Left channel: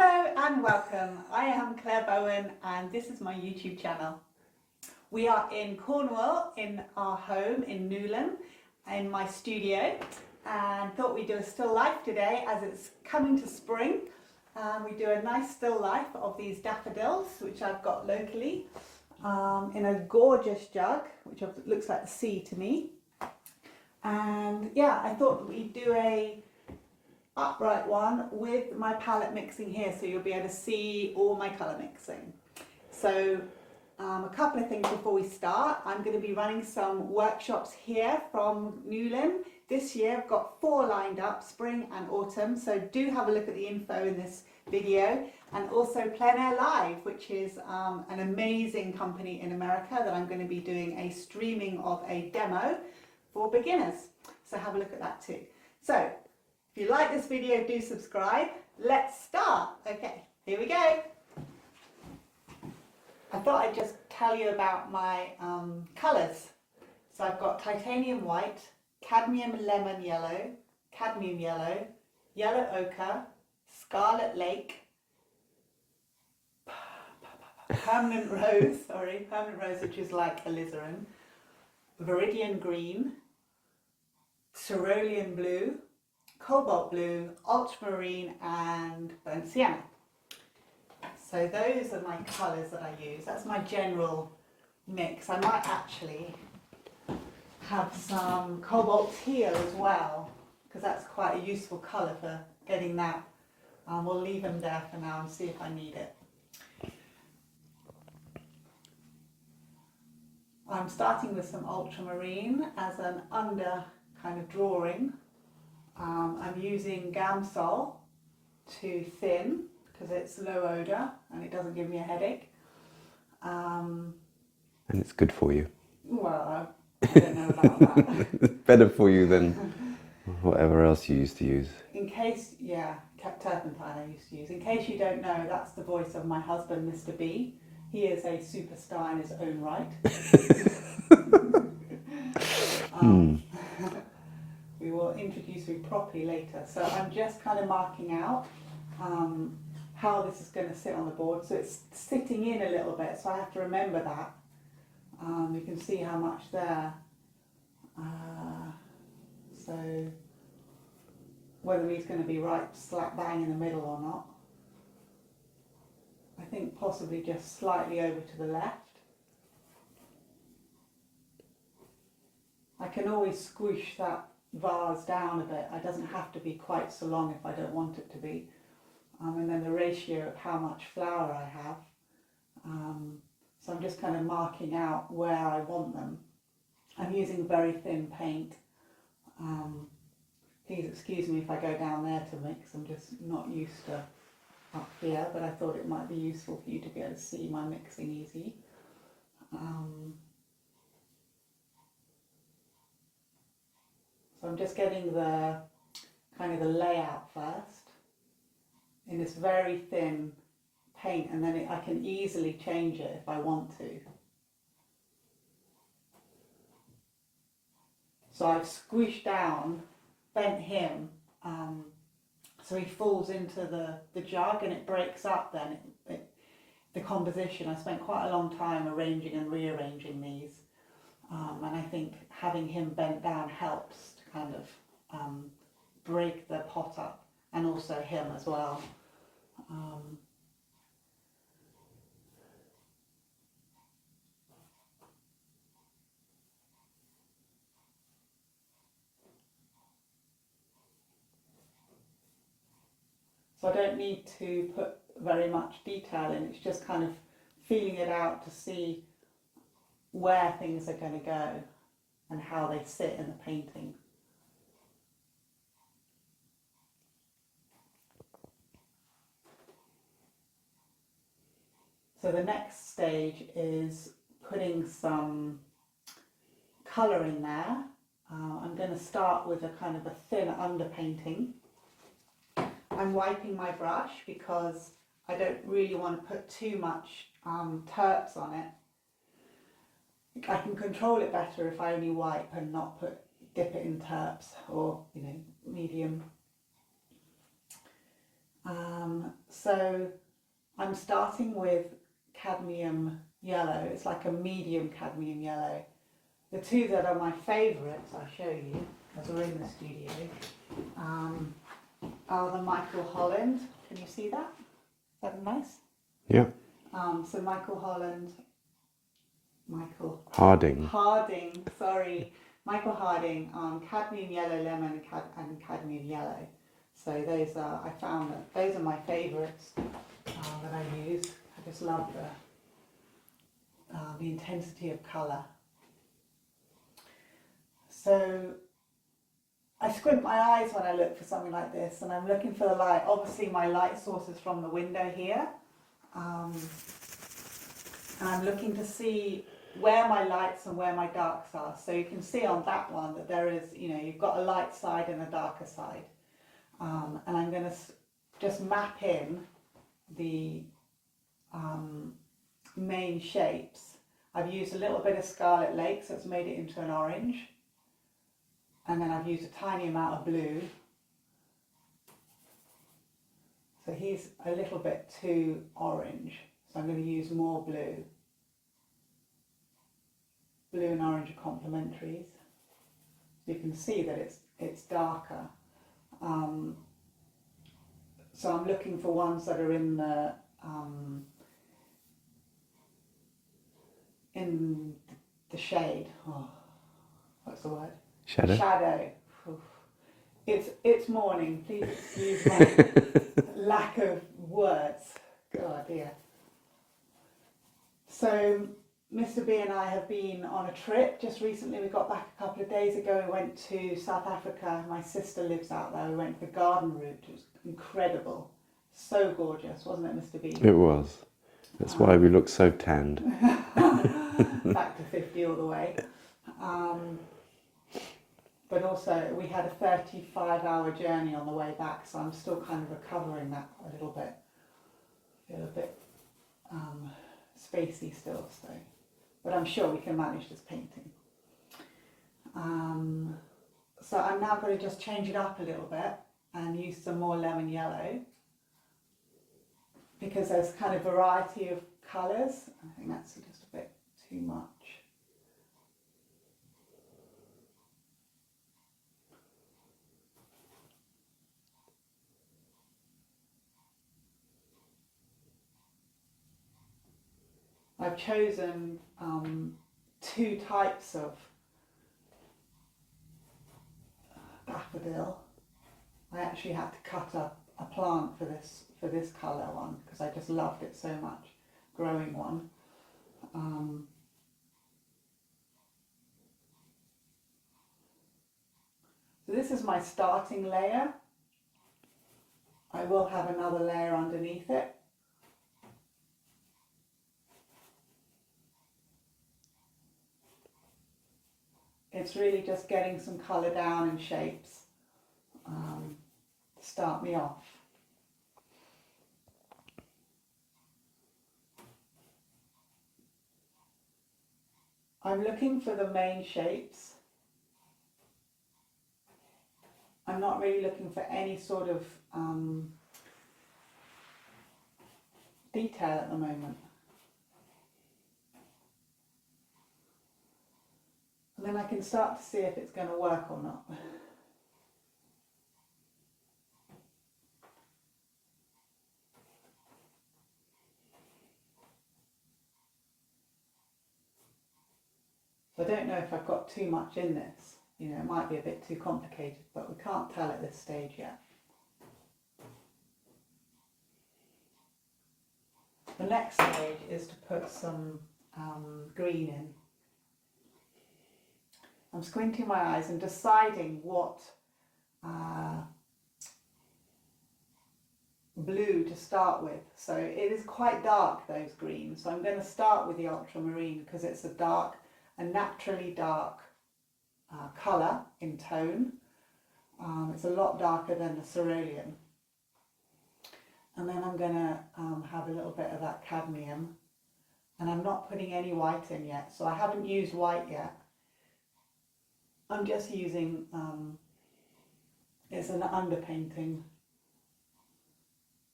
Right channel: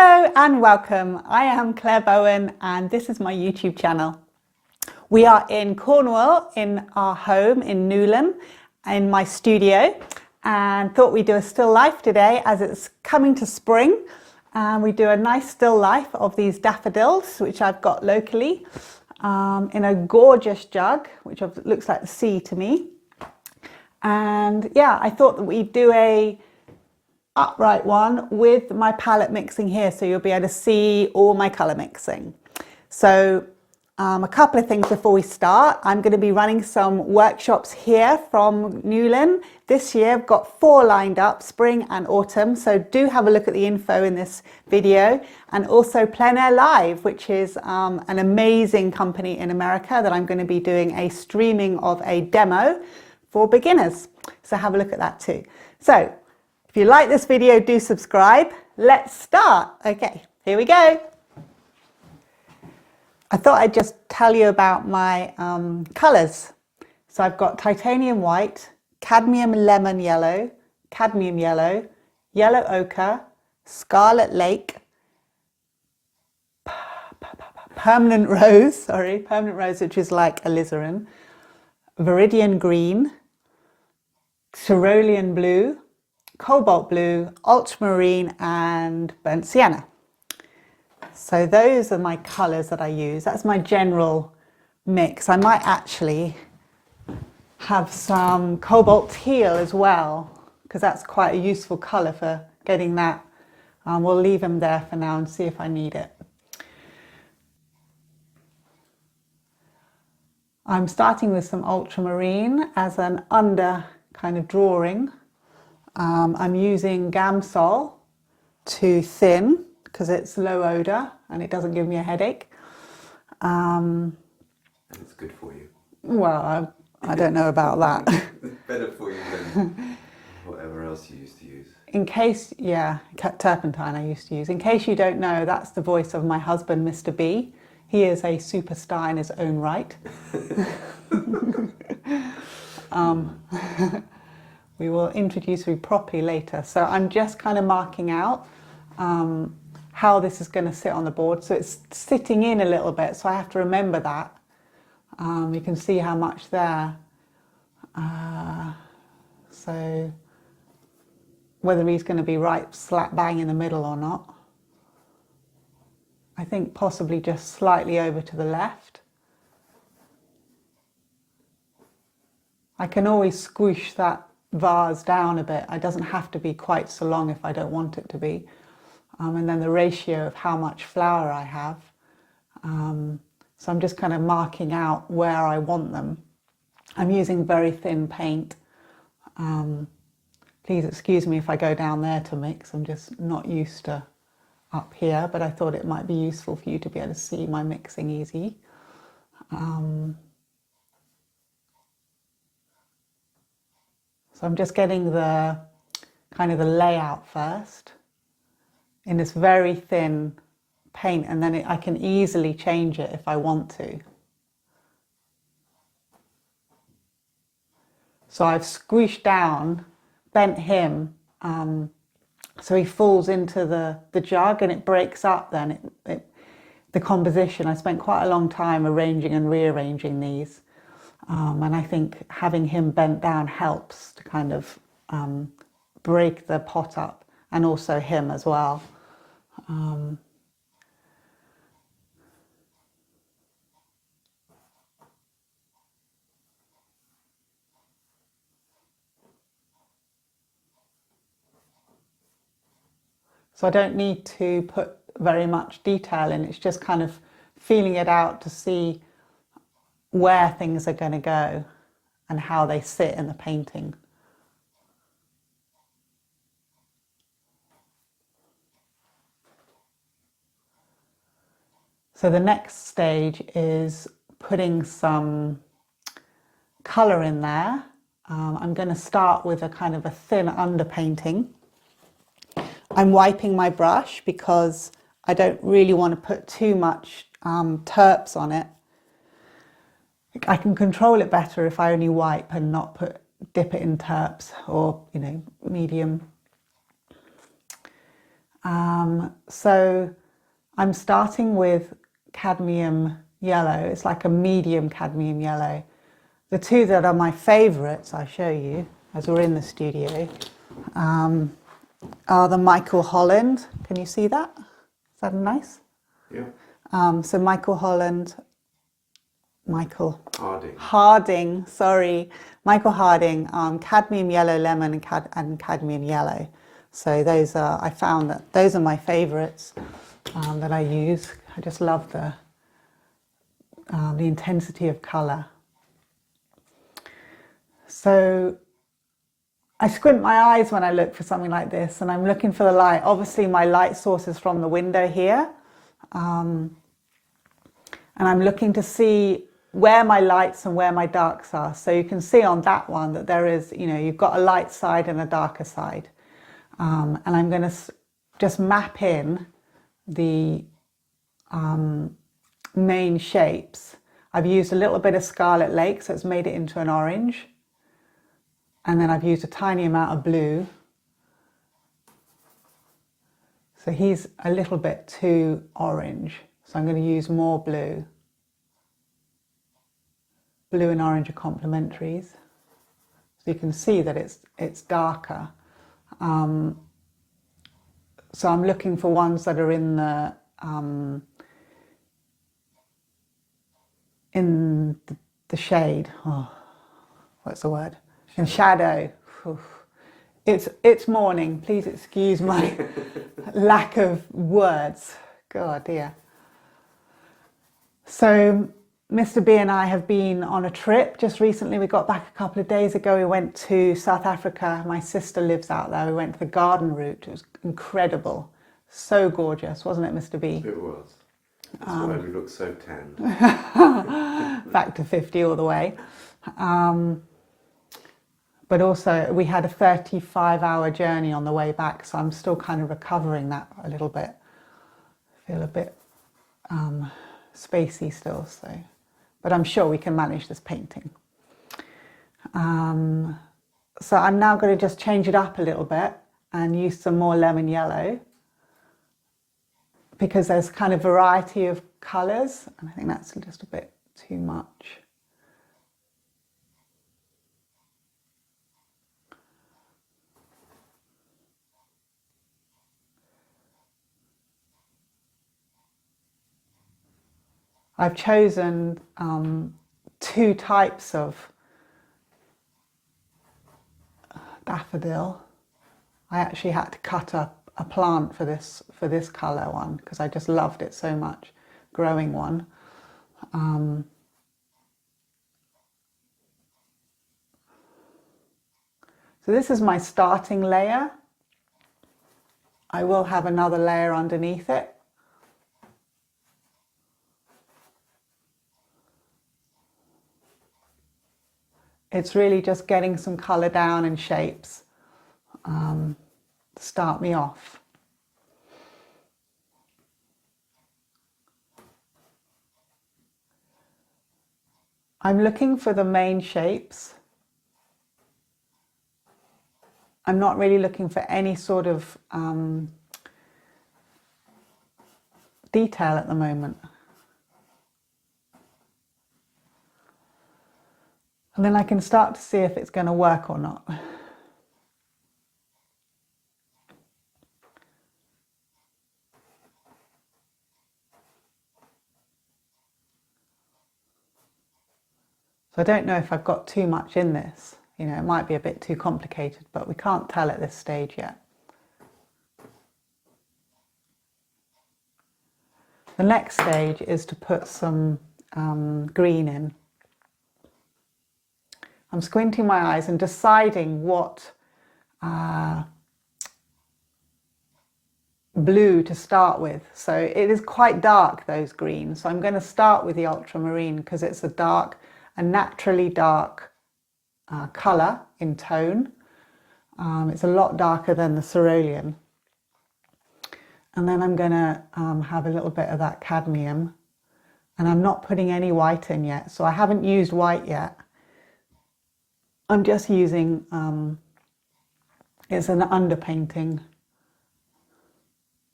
Hello and welcome. I am Claire Bowen and this is my YouTube channel. We are in Cornwall in our home in Newlyn in my studio and thought we'd do a still life today as it's coming to spring, and we do a nice still life of these daffodils which I've got locally in a gorgeous jug which looks like the sea to me. And yeah, I thought that we'd do a upright one with my palette mixing here, so you'll be able to see all my colour mixing. So a couple of things before we start. I'm going to be running some workshops here from Newlyn. This year I've got 4 lined up, spring and autumn, so do have a look at the info in this video. And also Plein Air Live, which is an amazing company in America that I'm going to be doing a streaming of a demo for beginners. So have a look at that too. So if you like this video, do subscribe. Let's start. Okay, here we go. I thought I'd just tell you about my colours. So I've got titanium white, cadmium lemon yellow, cadmium yellow, yellow ochre, scarlet lake, permanent rose, which is like alizarin, viridian green, cerulean blue, cobalt blue, ultramarine and burnt sienna. So those are my colours that I use. That's my general mix. I might actually have some cobalt teal as well, because that's quite a useful colour for getting that. We'll leave them there for now and see if I need it. I'm starting with some ultramarine as an under kind of drawing. I'm using Gamsol to thin because it's low odour and it doesn't give me a headache. And it's good for you. Well, I don't know about that. It's better for you than whatever else you used to use. In case, yeah, turpentine I used to use. In case you don't know, that's the voice of my husband, Mr. B. He is a superstar in his own right. We will introduce you properly later. So I'm just kind of marking out how this is going to sit on the board. So it's sitting in a little bit, so I have to remember that. You can see how much there. So whether he's going to be right slap bang in the middle or not. I think possibly just slightly over to the left. I can always squish that vase down a bit. It doesn't have to be quite so long if I don't want it to be. And then the ratio of how much flour I have. So I'm just kind of marking out where I want them. I'm using very thin paint. Please excuse me if I go down there to mix. I'm just not used to up here, but I thought it might be useful for you to be able to see my mixing easy. So I'm just getting the kind of the layout first in this very thin paint, and then I can easily change it if I want to. So I've squished down, bent him, so he falls into the jug and it breaks up then the composition. I spent quite a long time arranging and rearranging these. And I think having him bent down helps to kind of break the pot up, and also him as well. So I don't need to put very much detail in, it's just kind of feeling it out to see where things are going to go and how they sit in the painting. So the next stage is putting some colour in there. I'm going to start with a kind of a thin underpainting. I'm wiping my brush because I don't really want to put too much terps on it. I can control it better if I only wipe and not dip it in terps or, medium. So I'm starting with cadmium yellow. It's like a medium cadmium yellow. The two that are my favourites, I'll show you as we're in the studio, are the Michael Holland. Can you see that? Is that nice? Yeah. So Michael Holland, Michael Harding, sorry. Michael Harding, cadmium yellow lemon and cadmium yellow. So those are, I found that those are my favourites that I use. I just love the intensity of colour. So I squint my eyes when I look for something like this, and I'm looking for the light. Obviously my light source is from the window here. And I'm looking to see where my lights and where my darks are. So you can see on that one that there is, you know, you've got a light side and a darker side. And I'm going to just map in the main shapes. I've used a little bit of Scarlet Lake, so it's made it into an orange. And then I've used a tiny amount of blue. So he's a little bit too orange. So I'm going to use more blue. Blue and orange are complementaries. So you can see that it's darker. So I'm looking for ones that are in the shade. Oh, what's the word? Shadow. Shadow. It's morning. Please excuse my lack of words. God, dear. So Mr. B and I have been on a trip just recently. We got back a couple of days ago. We went to South Africa. My sister lives out there. We went to the garden route. It was incredible. So gorgeous, wasn't it, Mr. B? It was. That's why we look so tanned. Back to 50 all the way. But also we had a 35-hour journey on the way back, so I'm still kind of recovering that a little bit. I feel a bit spacey still, so. But I'm sure we can manage this painting. So I'm now going to just change it up a little bit and use some more lemon yellow, because there's kind of variety of colours, and I think that's just a bit too much. I've chosen two types of daffodil. I actually had to cut a plant for this colour one because I just loved it so much, growing one. So this is my starting layer. I will have another layer underneath it. It's really just getting some colour down and shapes to start me off. I'm looking for the main shapes. I'm not really looking for any sort of detail at the moment. And then I can start to see if it's going to work or not. So I don't know if I've got too much in this. You know, it might be a bit too complicated, but we can't tell at this stage yet. The next stage is to put some green in. I'm squinting my eyes and deciding what blue to start with. So it is quite dark, those greens. So I'm going to start with the ultramarine because it's a naturally dark colour in tone. It's a lot darker than the cerulean. And then I'm going to have a little bit of that cadmium. And I'm not putting any white in yet. So I haven't used white yet. I'm just using, it's an underpainting.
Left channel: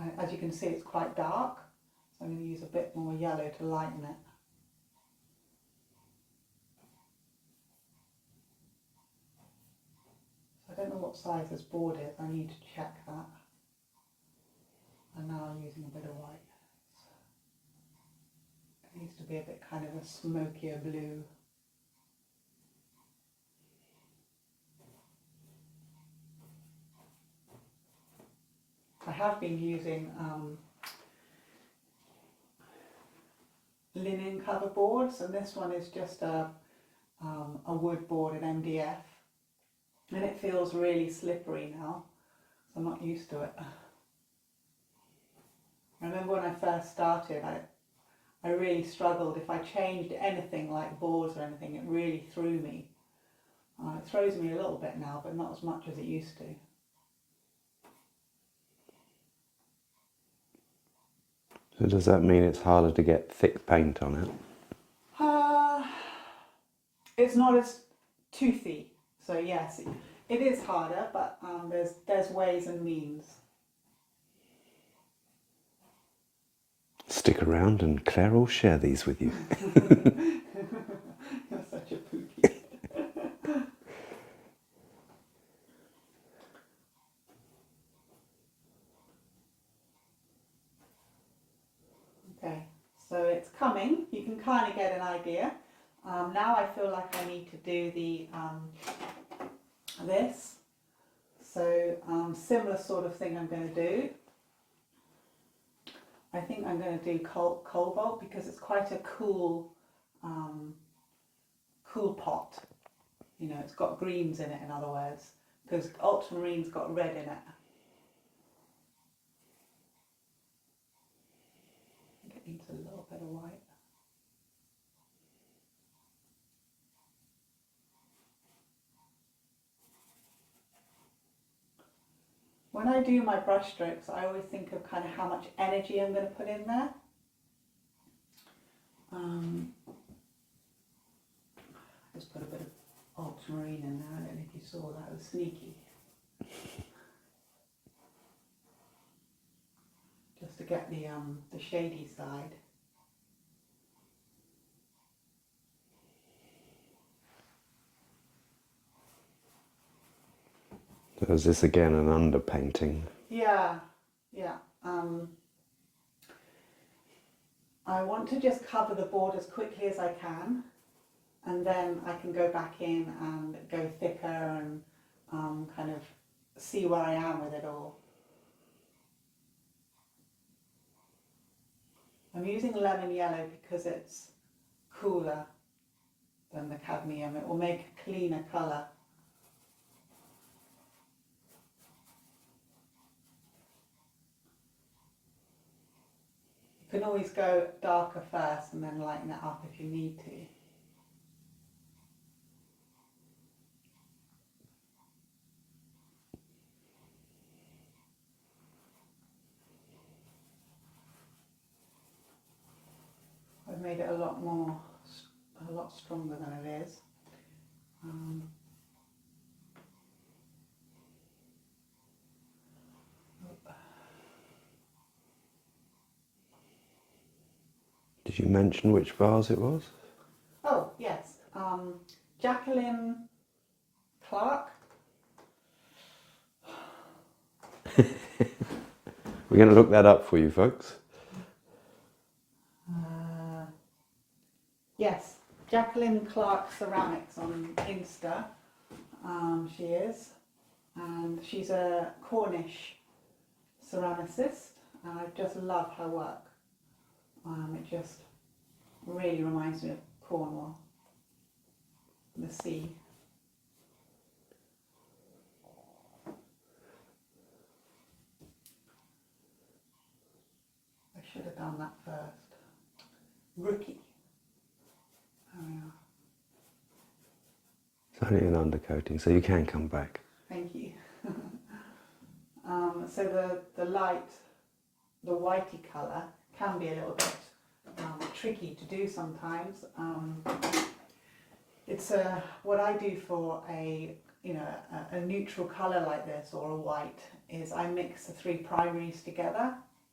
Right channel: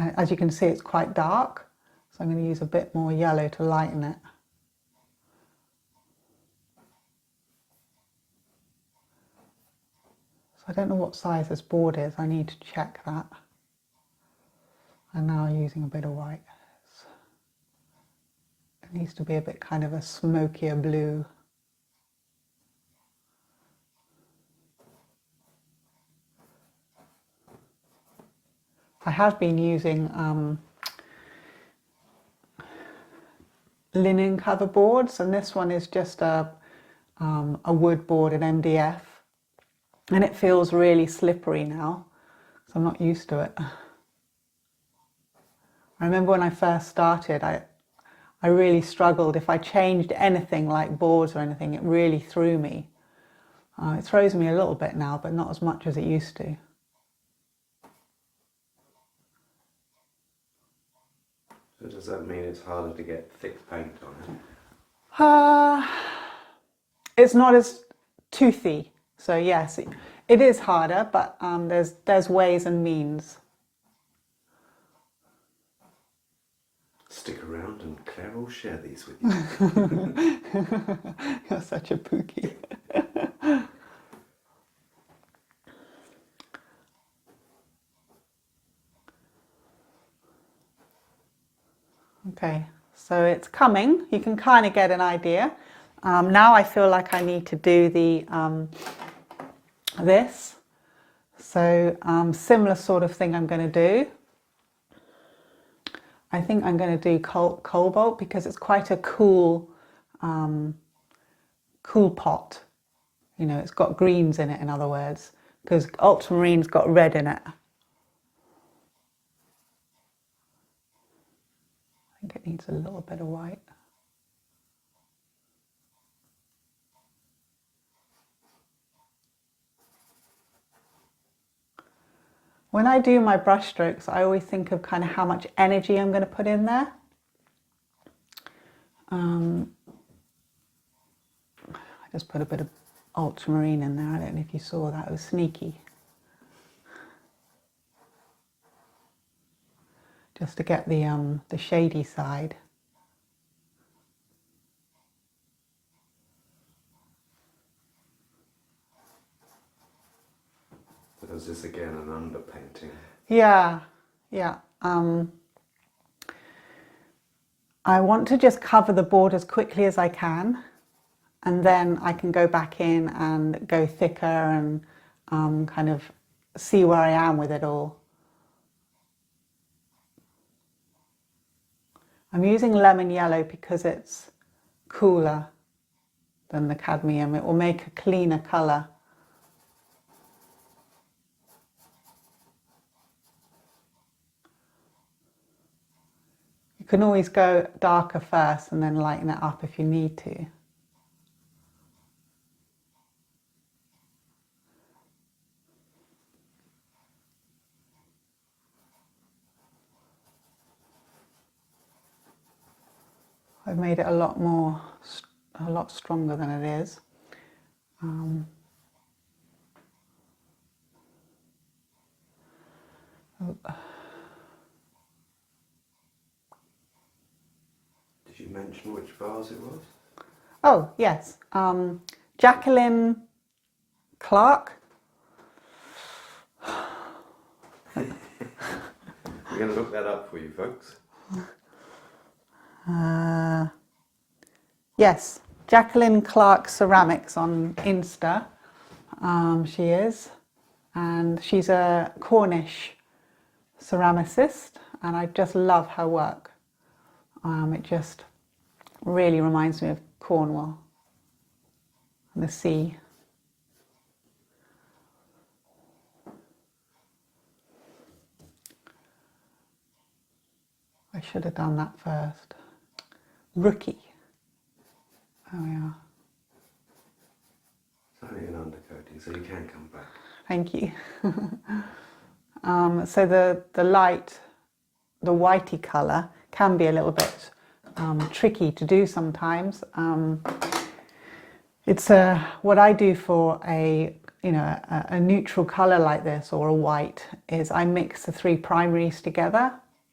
As you can see, it's quite dark, so I'm going to use a bit more yellow to lighten it. So I don't know what size this board is, I need to check that. And now I'm using a bit of white. It needs to be a bit kind of a smokier blue. I have been using linen cover boards, and this one is just a wood board in MDF, and it feels really slippery now, so I'm not used to it. I remember when I first started, I really struggled. If I changed anything like boards or anything, it really threw me. It throws me a little bit now, but not as much as it used to. So does that mean it's harder to get thick paint on it? It's not as toothy, so yes, it is harder, but there's ways and means. Stick around and Claire will share these with you. You're such a pookie. Okay, so it's coming. You can kind of get an idea. Now I feel like I need to do the this. So similar sort of thing I'm going to do. I think I'm going to do cobalt because it's quite a cool, cool pot. You know, it's got greens in it, in other words, because ultramarine's got red in it. I think it needs a little bit of white. When I do my brush strokes, I always think of kind of how much energy I'm going to put in there. I just put a bit of ultramarine in there. I don't know if you saw that, it was sneaky. Just to get the shady side. So is this again an underpainting? Yeah, yeah. I want to just cover the board as quickly as I can, and then I can go back in and go thicker and kind of see where I am with it all. I'm using lemon yellow because it's cooler than the cadmium. It will make a cleaner colour. You can always go darker first and then lighten it up if you need to. I've made it a lot stronger than it is. Did you mention which vase it was? Oh, yes. Jacqueline Clark. We're going to look that up for you, folks. Yes, Jacqueline Clark Ceramics on Insta. She is. And she's a Cornish ceramicist, and I just love her work. It just really reminds me of Cornwall and the sea. I should have done that first. Rookie. There we are. It's only an undercoating, so you can come back. Thank you. So the light, the whitey colour, can be a little bit tricky to do sometimes. It's what I do for a neutral colour like this, or a white, is I mix the three primaries together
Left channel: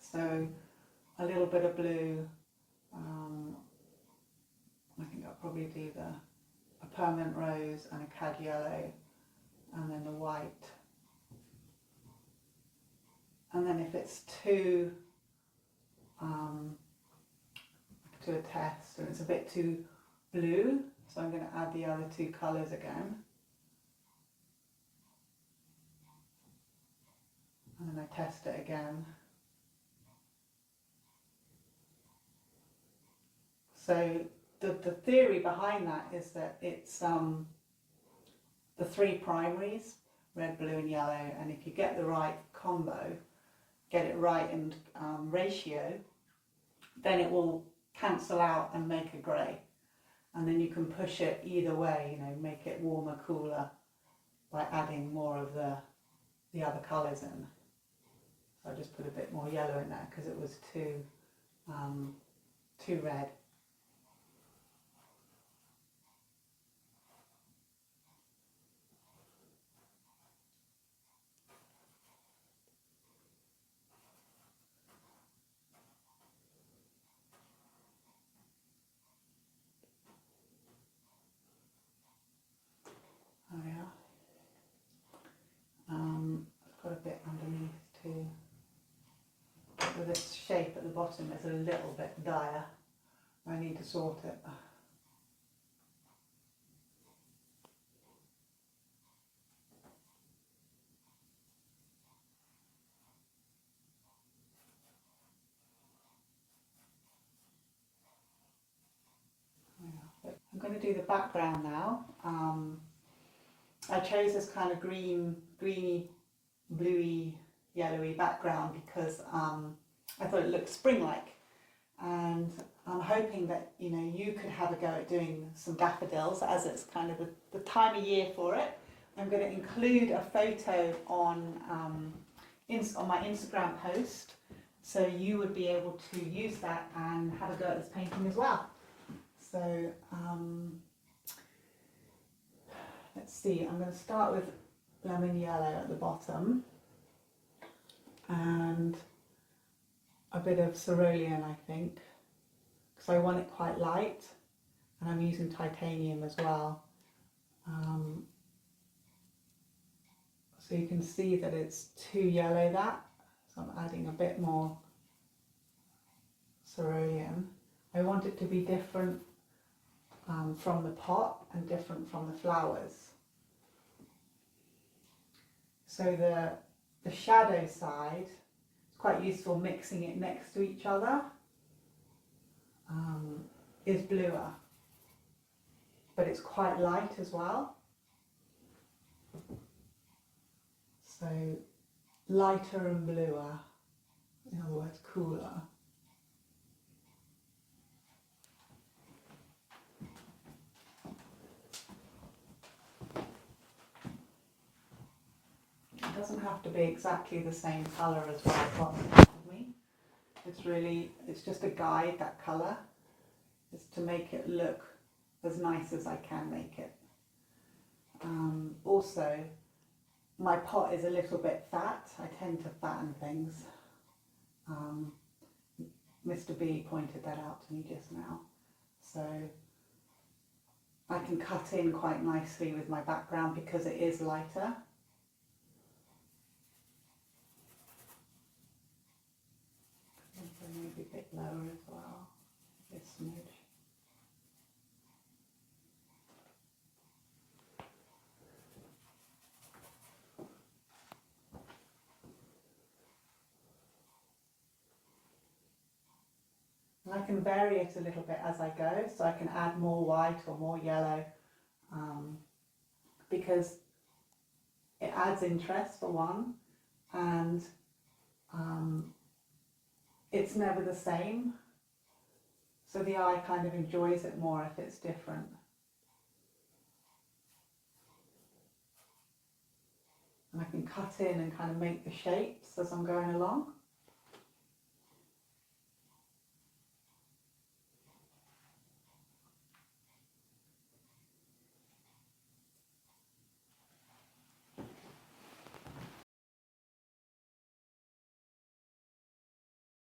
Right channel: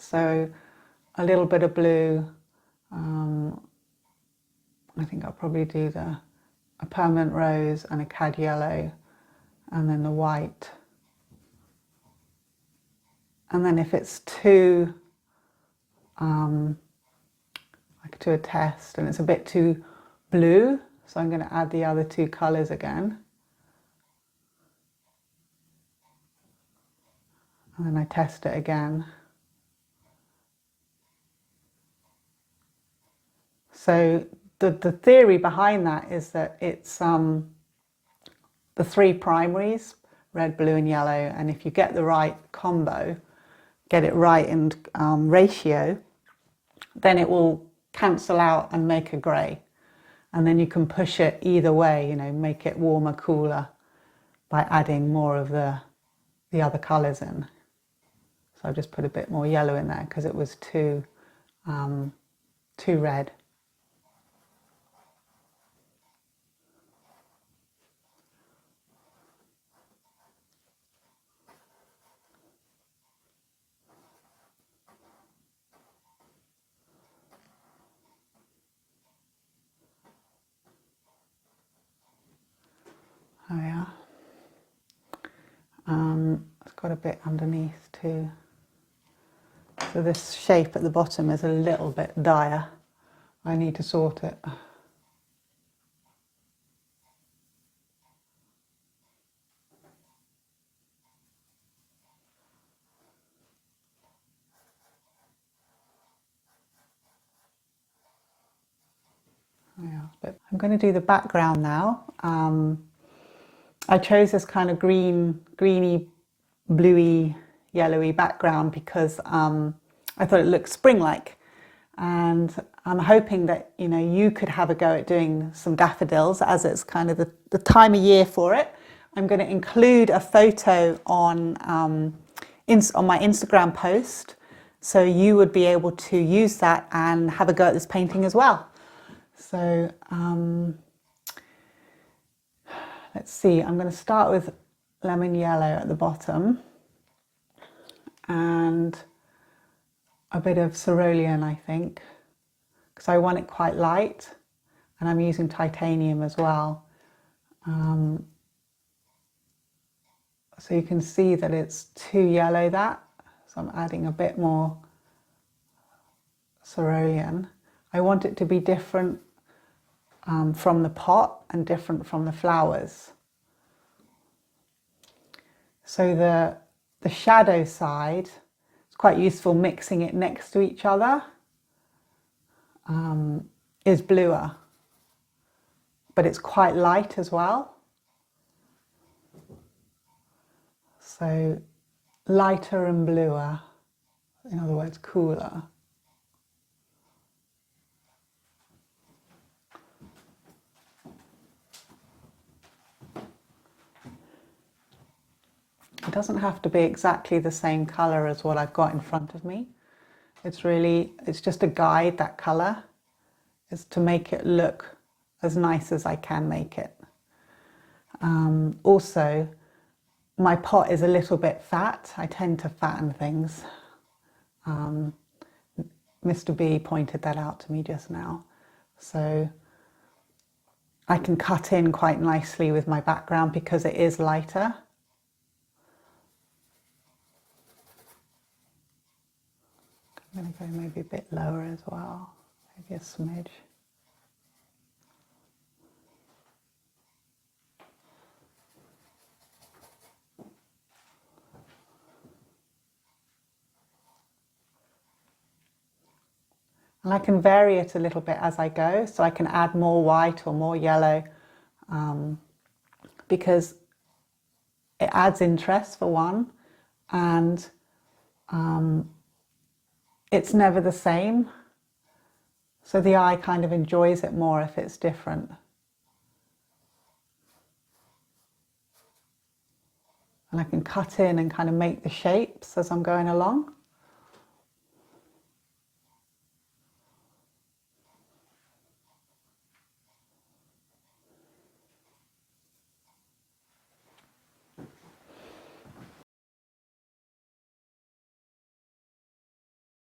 So a little bit of blue. I think I'll probably do a permanent rose and a cad yellow, and then the white. And then if it's too, I could do a test and it's a bit too blue, so I'm going to add the other two colours again. And then I test it again. So the theory behind that is that it's the three primaries, red, blue and yellow, and if you get the right combo, get it right in ratio, then it will cancel out and make a grey. And then you can push it either way, you know, make it warmer, cooler by adding more of the other colours in. So I just put a bit more yellow in there because it was too red. Oh yeah. It's got a bit underneath too. So this shape at the bottom is a little bit dire. I need to sort it. Yeah, I'm going to do the background now. I chose this kind of greeny, bluey, yellowy background because I thought it looked spring-like, and I'm hoping that you could have a go at doing some daffodils as it's kind of the time of year for it. I'm going to include a photo on my Instagram post, so you would be able to use that and have a go at this painting as well. So let's see, I'm going to start with lemon yellow at the bottom and a bit of cerulean, I think, because I want it quite light, and I'm using titanium as well. So you can see that it's too yellow, so I'm adding a bit more cerulean. I want it to be different from the pot and different from the flowers. So the shadow side, it's quite useful mixing it next to each other, is bluer, but it's quite light as well. So lighter and bluer, in other words, cooler. It doesn't have to be exactly the same colour as what I've got in front of me. It's just a guide, that colour. It's to make it look as nice as I can make it. Also, my pot is a little bit fat. I tend to fatten things. Mr. B pointed that out to me just now. So I can cut in quite nicely with my background because it is lighter. I'm going to go maybe a bit lower as well, maybe a smidge. And I can vary it a little bit as I go, so I can add more white or more yellow, because it adds interest for one, and it's never the same, so the eye kind of enjoys it more if it's different. And I can cut in and kind of make the shapes as I'm going along.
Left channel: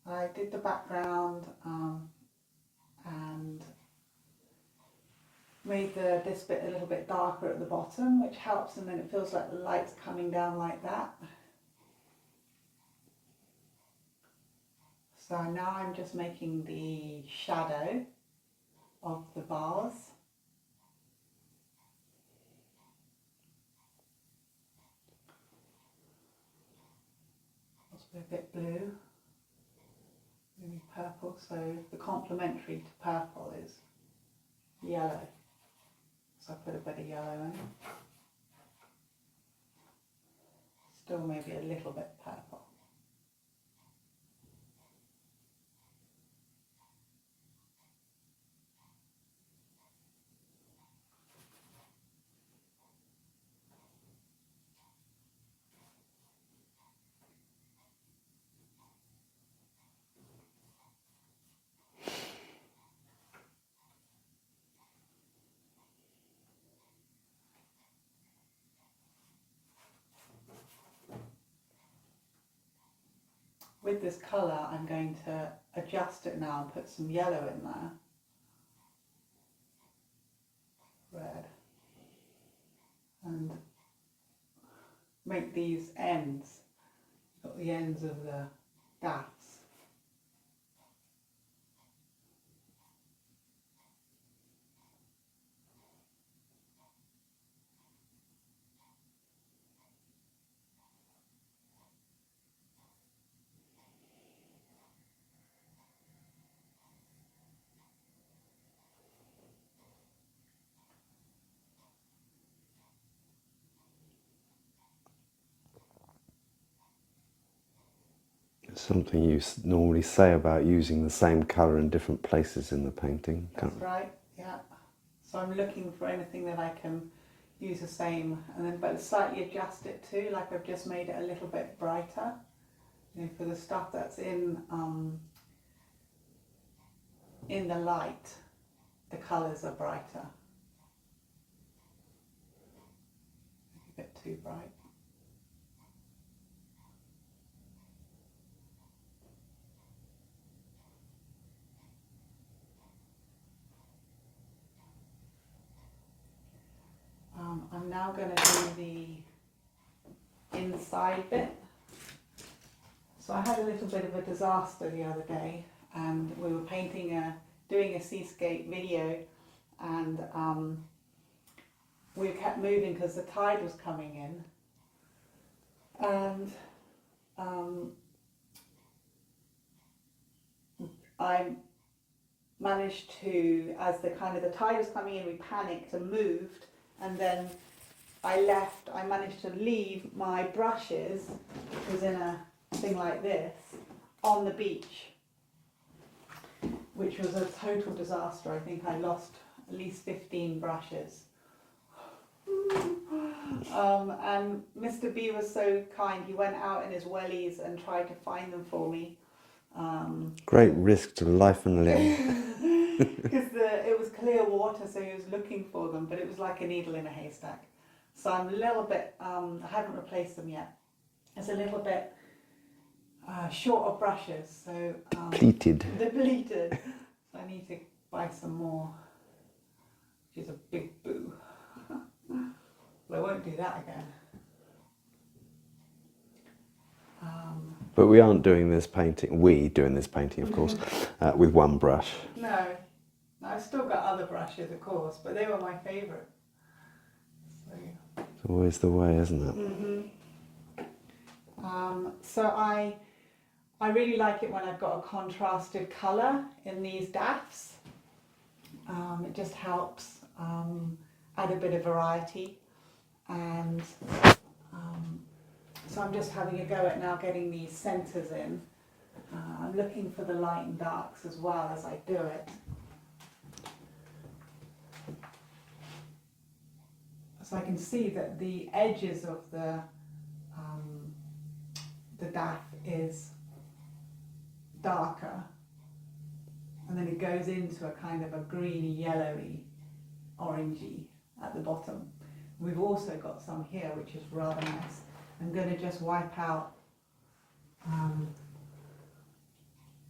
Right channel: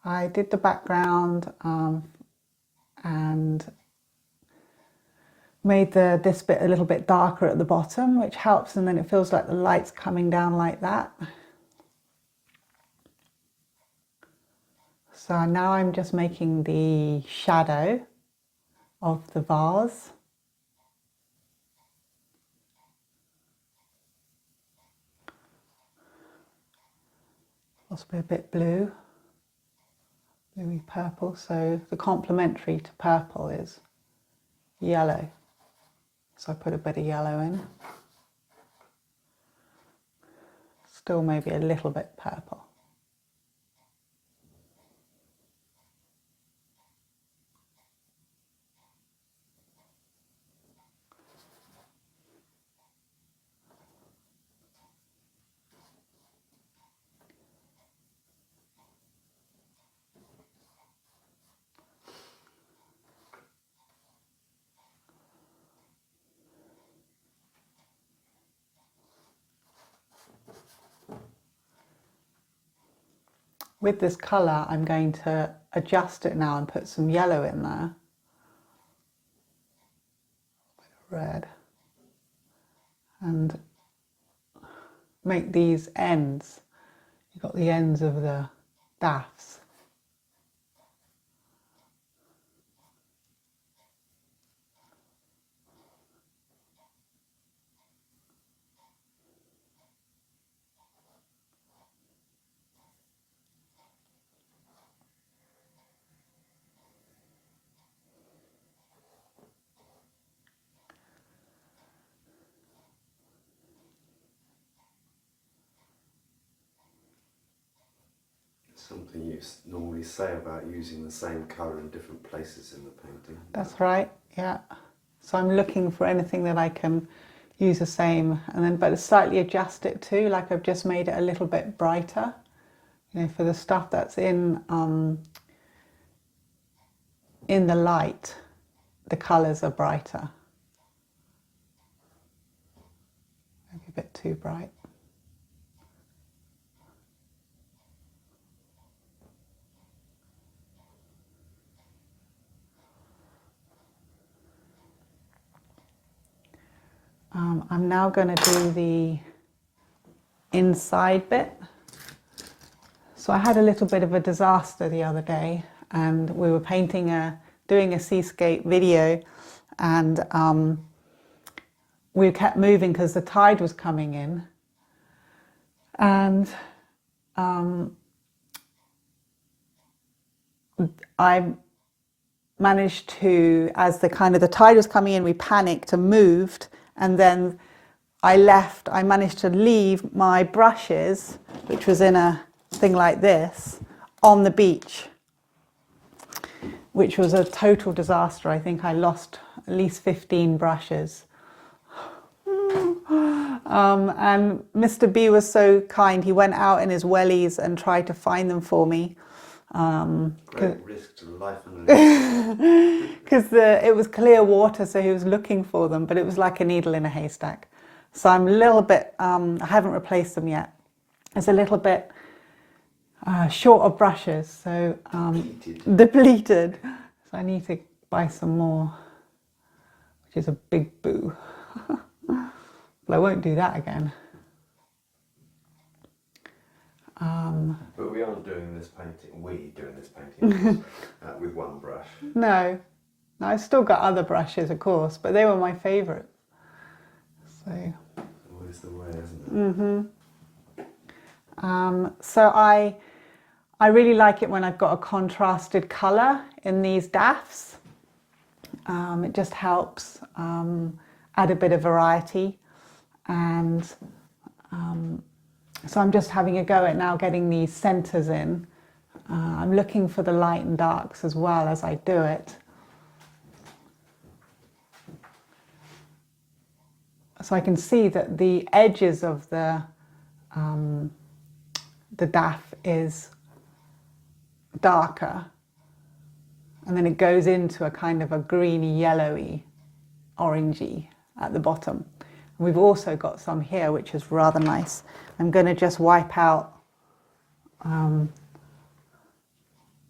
I did the background and made this bit a little bit darker at the bottom, which helps, and then it feels like the light's coming down like that. So now I'm just making the shadow of the vase. Possibly a bit blue, bluey purple. So the complementary to purple is yellow. So I put a bit of yellow in. Still maybe a little bit purple. With this colour, I'm going to adjust it now and put some yellow in there. Red. And make these ends. You've got the ends of the daffs. Something you normally say about using the same colour in different places in the painting. That's right, yeah. So I'm looking for anything that I can use the same, and then but slightly adjust it too, like I've just made it a little bit brighter. You know, for the stuff that's in the light, the colours are brighter. Maybe a bit too bright. I'm now going to do the inside bit. So I had a little bit of a disaster the other day, and we were doing a seascape video, and we kept moving because the tide was coming in, and I managed to, as the tide was coming in, we panicked and moved. And then I managed to leave my brushes, which was in a thing like this, on the beach, which was a total disaster. I think I lost at least 15 brushes. And Mr. B was so kind. He went out in his wellies and tried to find them for me. Great risk to life and limb. Because it was clear water, so he was looking for them, but it was like a needle in a haystack. So I'm a little bit, I haven't replaced them yet. It's a little bit short of brushes, so depleted. So I need to buy some more, which is a big boo. But I won't do that again. But we aren't doing this painting, of course, with one brush. No, I've still got other brushes, of course, but they were my favourite. So it's always the way, isn't it? So I really like it when I've got a contrasted colour in these daffs. It just helps add a bit of variety, and so I'm just having a go at now getting these centres in. I'm looking for the light and darks as well as I do it. So I can see that the edges of the daff is darker, and then it goes into a kind of a greeny, yellowy, orangey at the bottom. And we've also got some here, which is rather nice. I'm going to just wipe out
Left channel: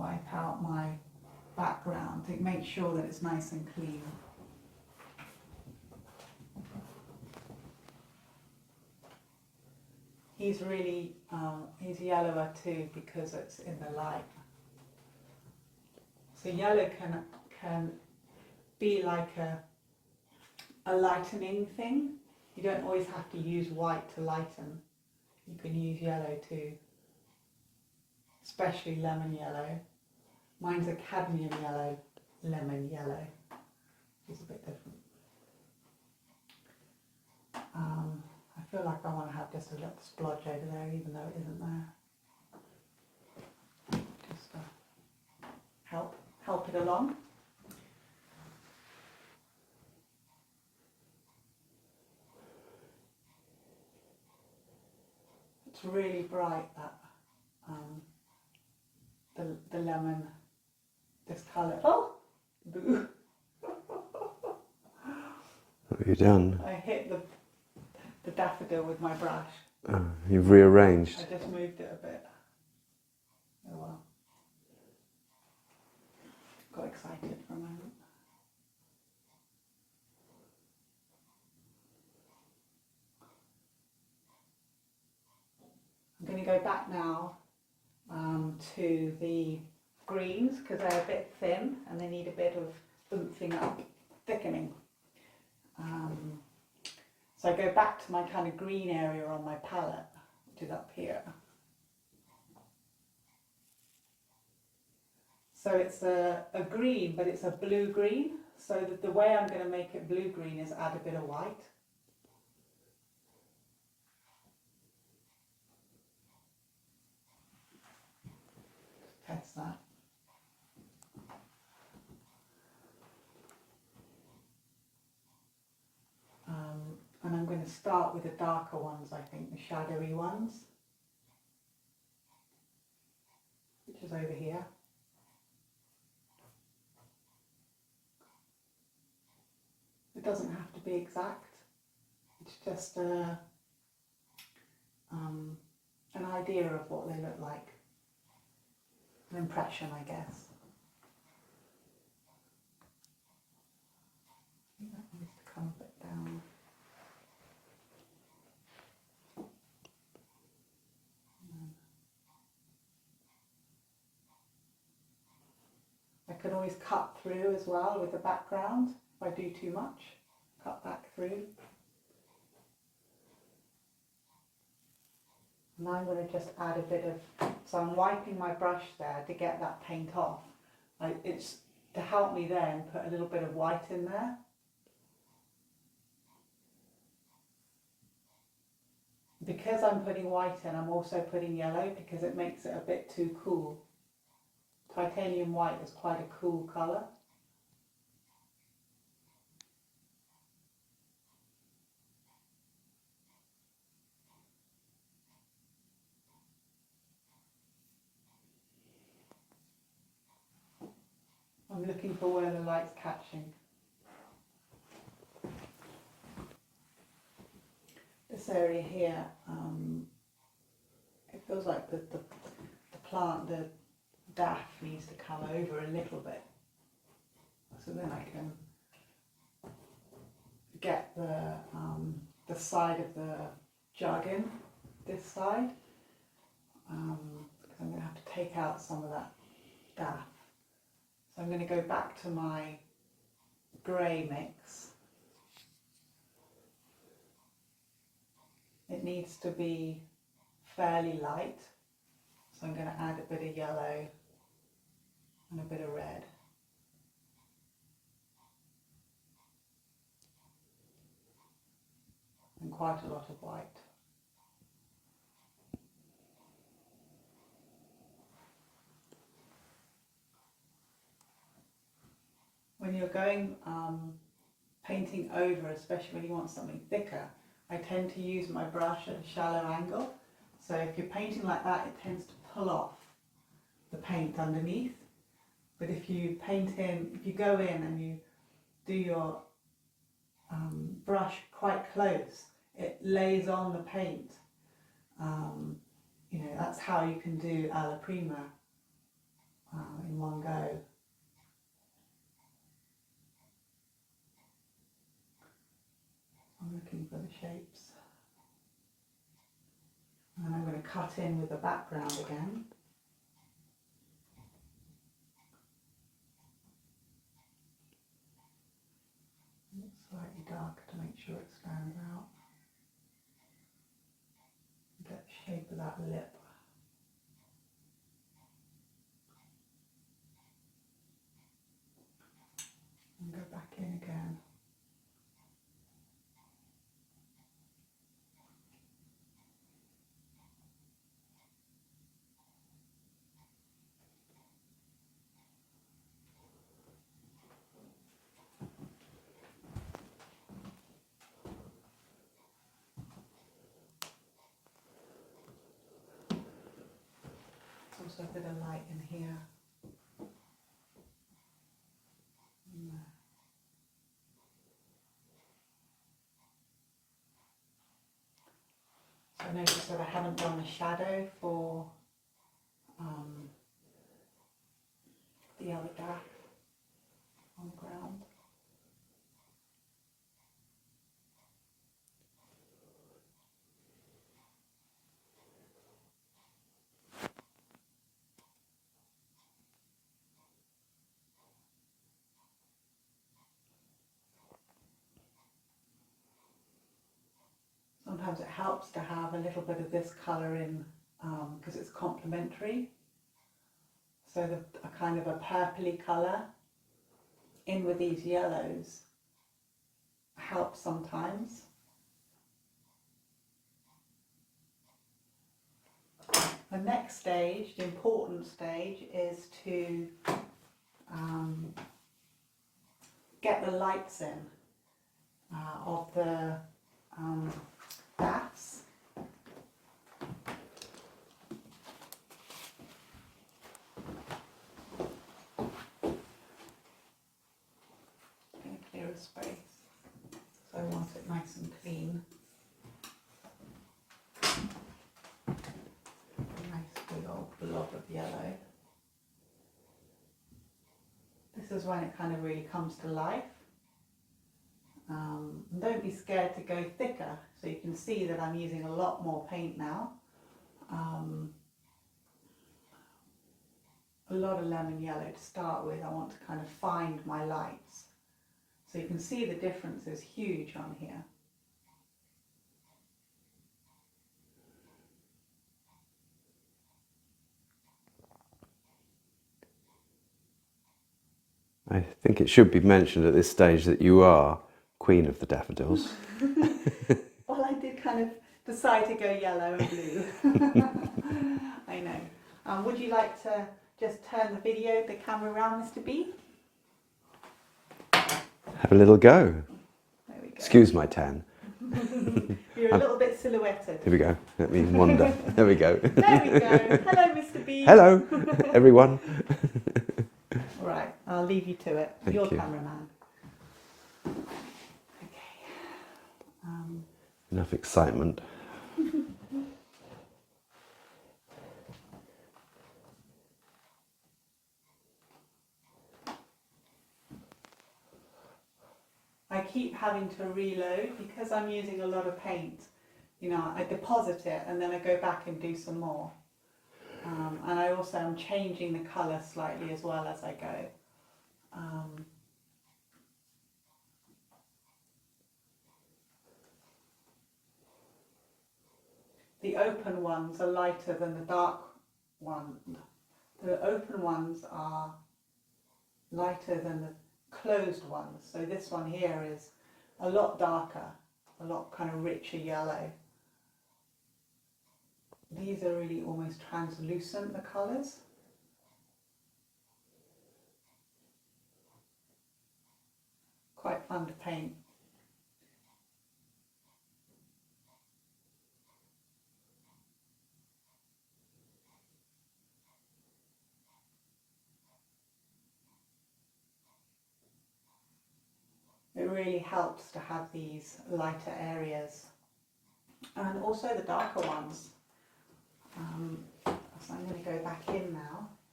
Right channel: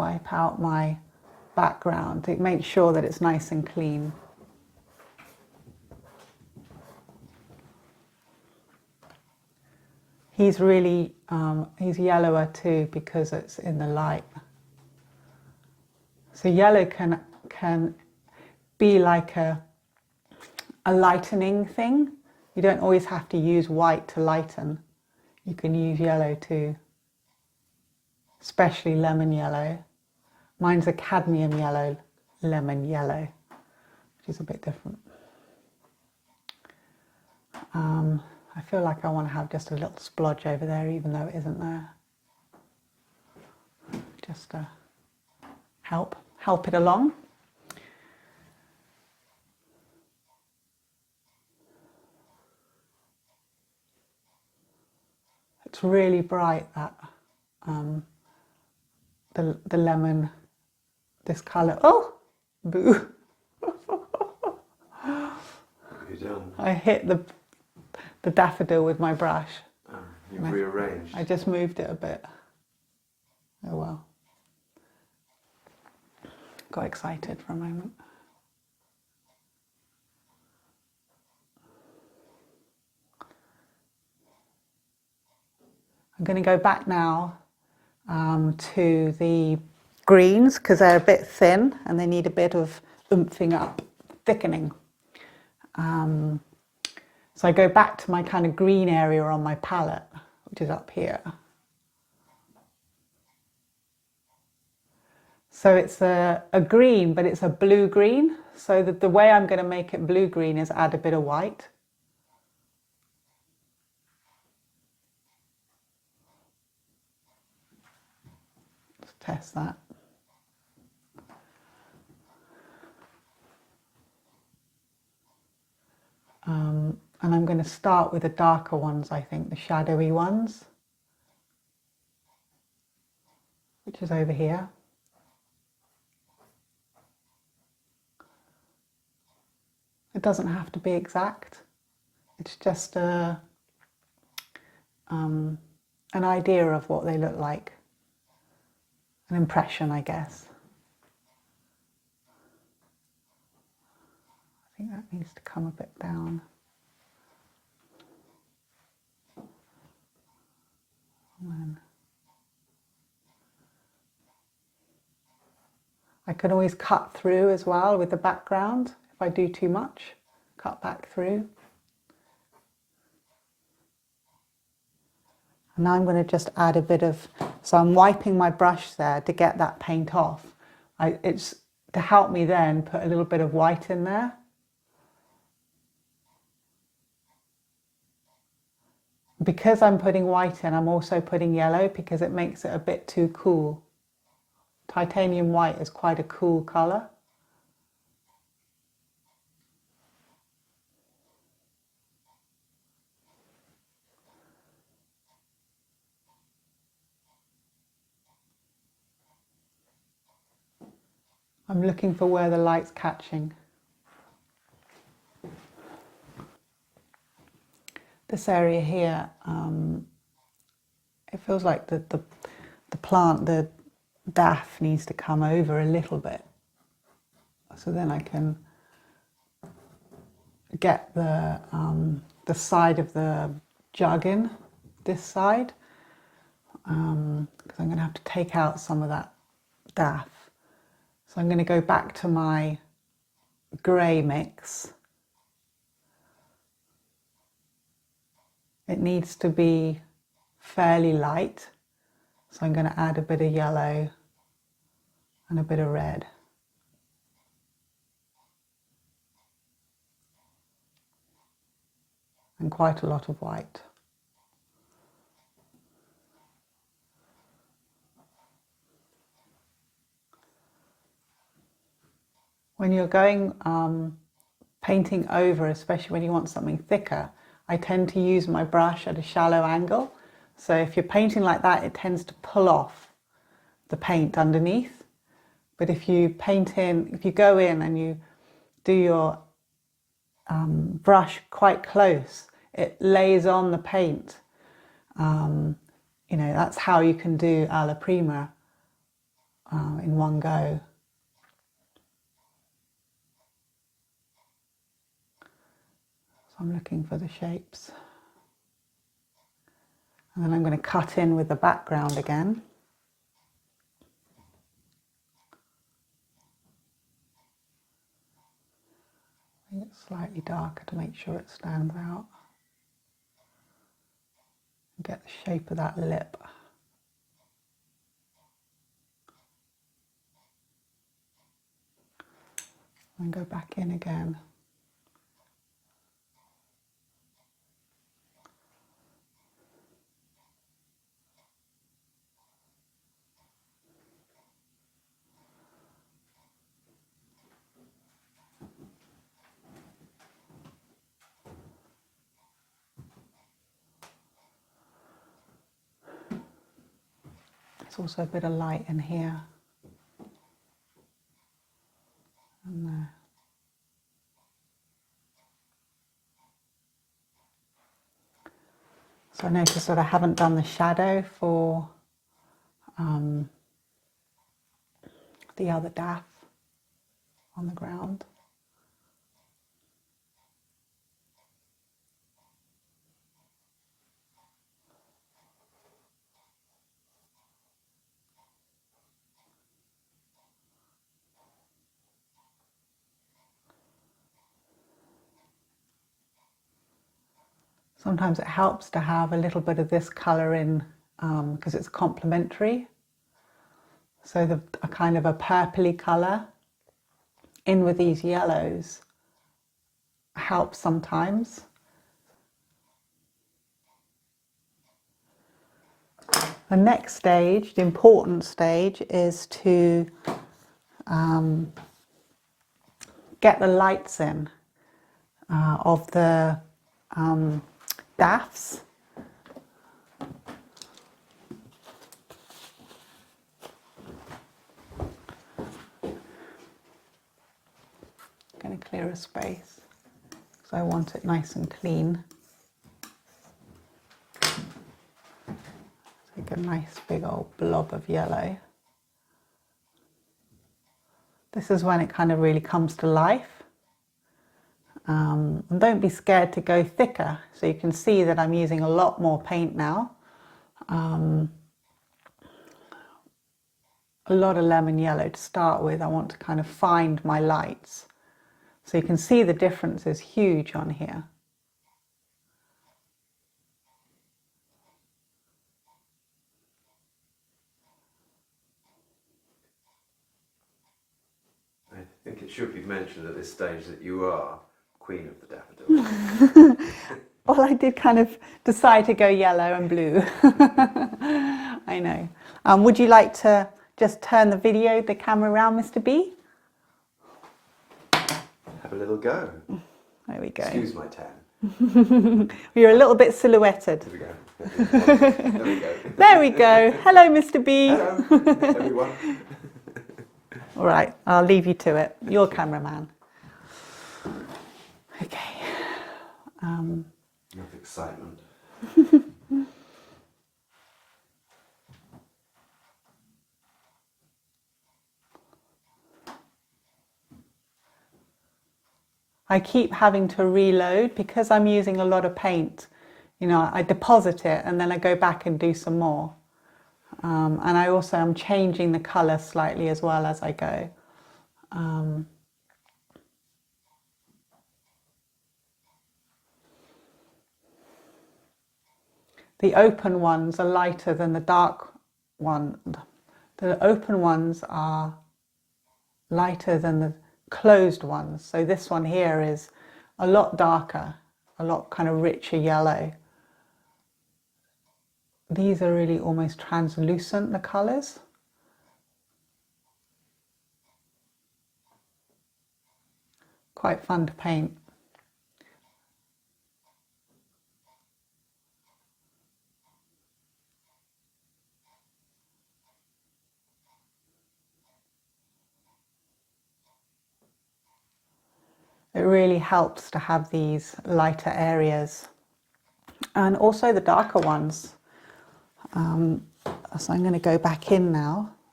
wipe out my background to make sure that it's nice and clean. He's really, he's yellower too because it's in the light. So yellow can be like a lightening thing. You don't always have to use white to lighten. You can use yellow too, especially lemon yellow. Mine's a cadmium yellow, lemon yellow, which is a bit different. I feel like I want to have just a little splodge over there, even though it isn't there. Just to help it along. It's really bright, that the lemon, this colour. Oh, boo! What have you done? I hit the daffodil with my brush. Oh, you've rearranged. I just moved it a bit. Oh well. Got excited for a moment. I'm going to go back now to the greens because they're a bit thin and they need a bit of oomping up, thickening. So I go back to my kind of green area on my palette, which is up here. So it's a green, but it's a blue green. So the way I'm going to make it blue green is add a bit of white. Let's test that. And I'm going to start with the darker ones, I think, the shadowy ones, which is over here. It doesn't have to be exact. It's just an idea of what they look like, an impression, I guess. I think that needs to come a bit down. I can always cut through as well with the background. If I do too much, cut back through. And now I'm going to just add a bit of, so I'm wiping my brush there to get that paint off. It's to help me then put a little bit of white in there. Because I'm putting white in, I'm also putting yellow because it makes it a bit too cool. Titanium white is quite a cool colour. I'm looking for where the light's catching. This area here, it feels like the plant, the daff needs to come over a little bit. So then I can get the side of the jug in, this side, because I'm going to have to take out some of that daff. So I'm going to go back to my grey mix. It needs to be fairly light, so I'm going to add a bit of yellow and a bit of red. And quite a lot of white. When you're going painting over, especially when you want something thicker, I tend to use my brush at a shallow angle. So if you're painting like that, it tends to pull off the paint underneath. But if you paint in, if you go in and you do your brush quite close, it lays on the paint. You know, that's how you can do alla prima in one go. So I'm looking for the shapes. And then I'm going to cut in with the background again. Make it slightly darker to make sure it stands out. Get the shape of that lip. And go back in again. There's also a bit of light in here. And there. So I notice that I haven't done the shadow for the other daff on the ground. Sometimes it helps to have a little bit of this colour in because it's complementary. So a kind of a purpley colour in with these yellows helps sometimes. The next stage, the important stage, is to get the lights in of the daffs. I'm going to clear a space because I want it nice and clean. Take a nice big old blob of yellow. This is when it kind of really comes to life. And don't be scared to go thicker. So you can see that I'm using a lot more paint now. A lot of lemon yellow to start with. I want to kind of find my lights. So you can see the difference is huge on here. I think it should be mentioned at this stage that you are Queen of the Daffodils. Well, I did kind of decide to go yellow and blue. I know. Would you like to just turn the camera around, Mr. B? Have a little go. There we go. Excuse my tan. You're a little bit silhouetted. Here we go. Let me wander. There we go. There we go. Hello, Mr. B. Hello, everyone. All right, I'll leave you to it. You're you. cameraman. Okay. Enough excitement. I keep having to reload because I'm using a lot of paint. You know, I deposit it and then I go back and do some more. And I also am changing the colour slightly as well as I go. The open ones are lighter than the dark one. The open ones are lighter than the closed ones. So this one here is a lot darker, a lot kind of richer yellow. These are really almost translucent, the colours. Quite fun to paint. It really helps to have these lighter areas and also the darker ones. So I'm going to go back in now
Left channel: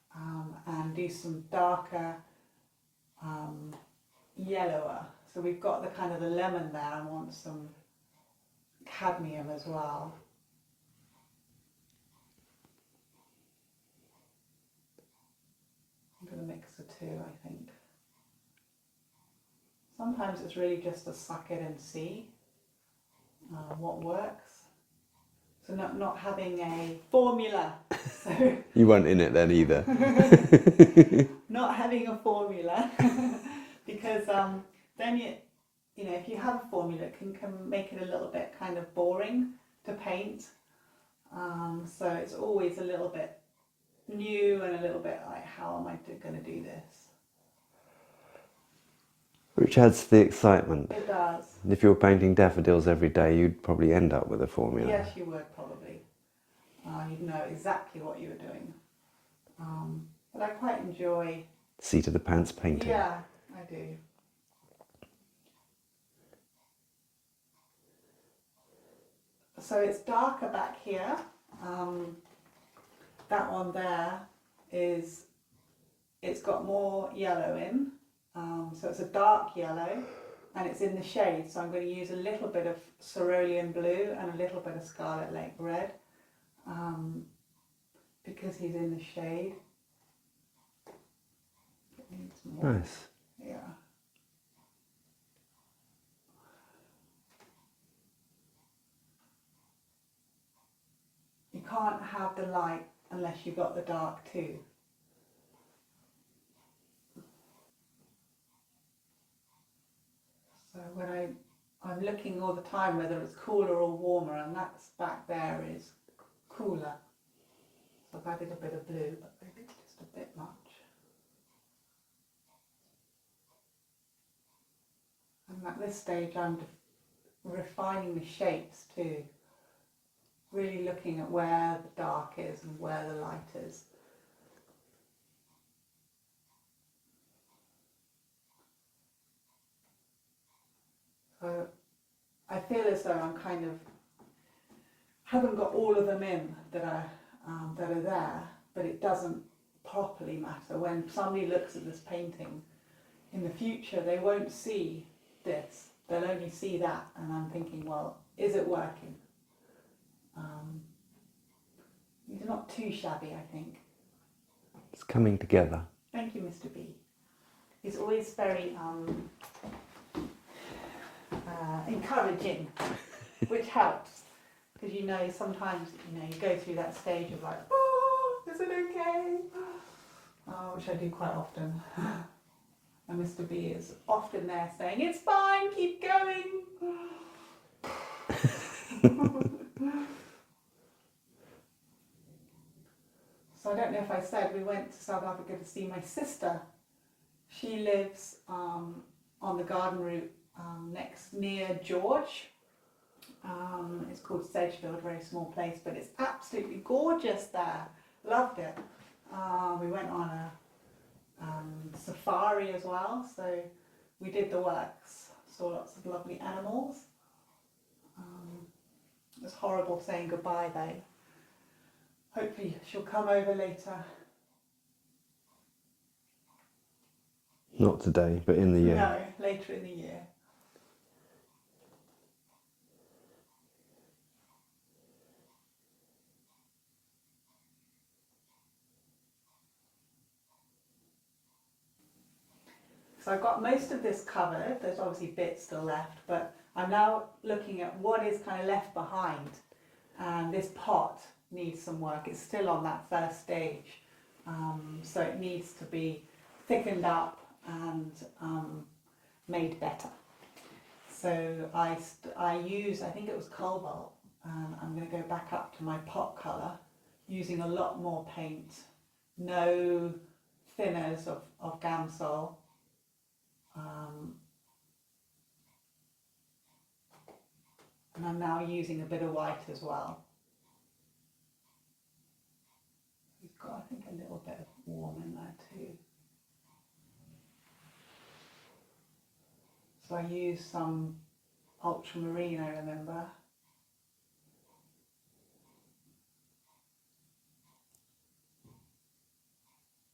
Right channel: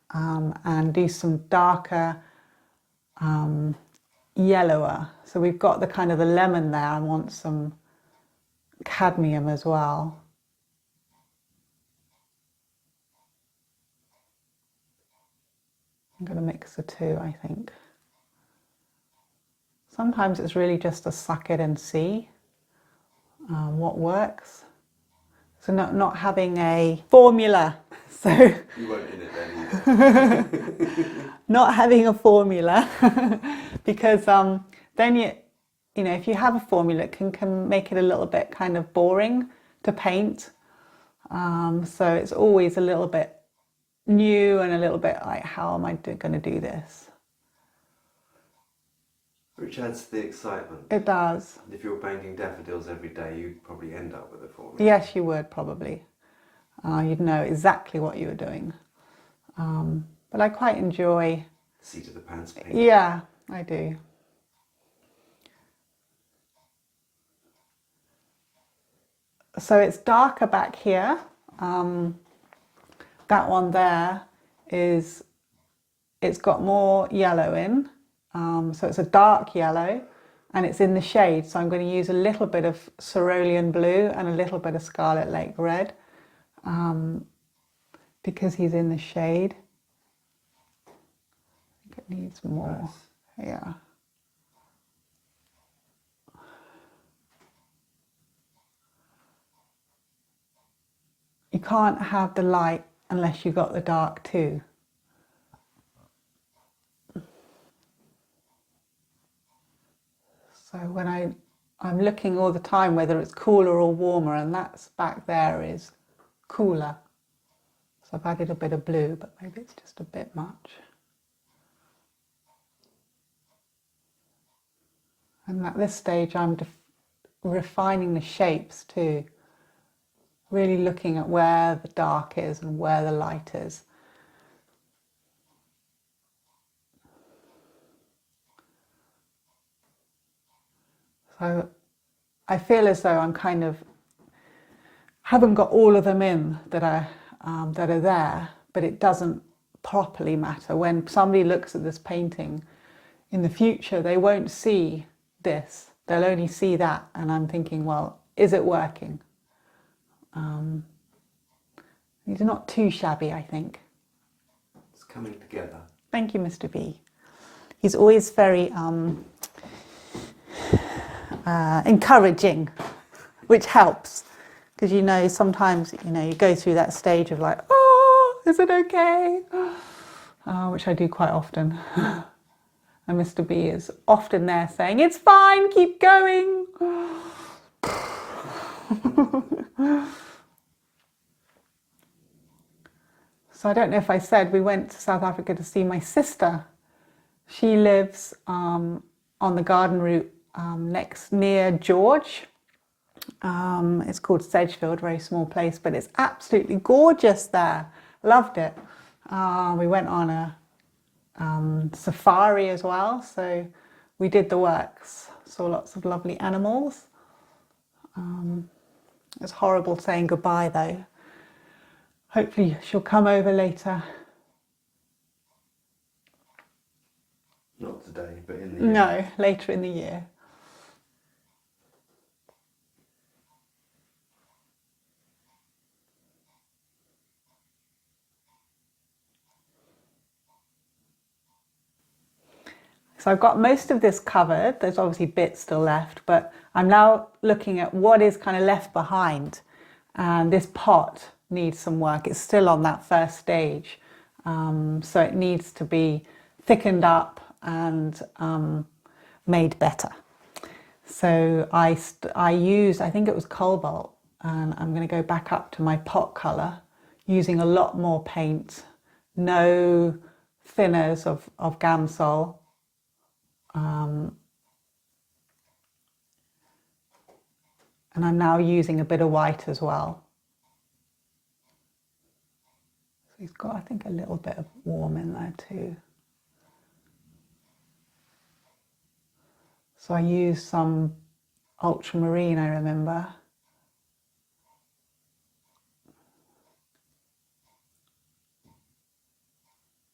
and do some darker yellower. So we've got the kind of the lemon there. I want some cadmium as well. I'm going to mix the two, I think. Sometimes it's really just to suck it and see what works. So not having a formula. So you weren't in it then either. Not having a formula, because then you know, if you have a formula, it can make it a little bit kind of boring to paint. So it's always a little bit new and a little bit like, how am I going to do this? Which adds to the excitement. It does. If you were painting daffodils every day, you'd probably end up with a formula. Yes, you would probably. You'd know exactly what you were doing. But I quite enjoy... seat of the pants painting. Yeah, I do. So it's darker back here. That one there is, it's got more yellow in. So it's a dark yellow and it's in the shade. So I'm going to use a little bit of cerulean blue and a little bit of Scarlet Lake red because he's in the shade. I think it needs more. Nice. Yeah. You can't have the light unless you've got the dark too. So when I'm looking all the time whether it's cooler or warmer, and that's back there is cooler. So I've added a bit of blue, but maybe it's just a bit much. And at this stage I'm refining the shapes too. Really looking at where the dark is and where the light is. So I feel as though I'm kind of haven't got all of them in that are there, but it doesn't properly matter. When somebody looks at this painting in the future, they won't see this. They'll only see that, and I'm thinking, well, is it working? These are not too shabby, I think. It's coming together. Thank you, Mr. B. He's always very encouraging, which helps, because you know sometimes you go through that stage of like, oh, is it okay? Which I do quite often. And Mr. B is often there saying, it's fine, keep going. So I don't know if I said, we went to South Africa to see my sister. She lives on the garden route near George. It's called Sedgefield, very small place, but it's absolutely gorgeous there. Loved it. We went on a safari as well, so we did the works. Saw lots of lovely animals. It's horrible saying goodbye though. Hopefully she'll come over later. Not today, but in the year. No, later in the year. So I've got most of this covered. There's obviously bits still left, but I'm now looking at what is kind of left behind. And this pot needs some work. It's still on that first stage. So it needs to be thickened up and made better. So I used, I think it was cobalt, and I'm going to go back up to my pot colour using a lot more paint, no thinners of Gamsol. And I'm now using a bit of white as well. So he's got, I think, a little bit of warm in there too. So I used some ultramarine, I remember.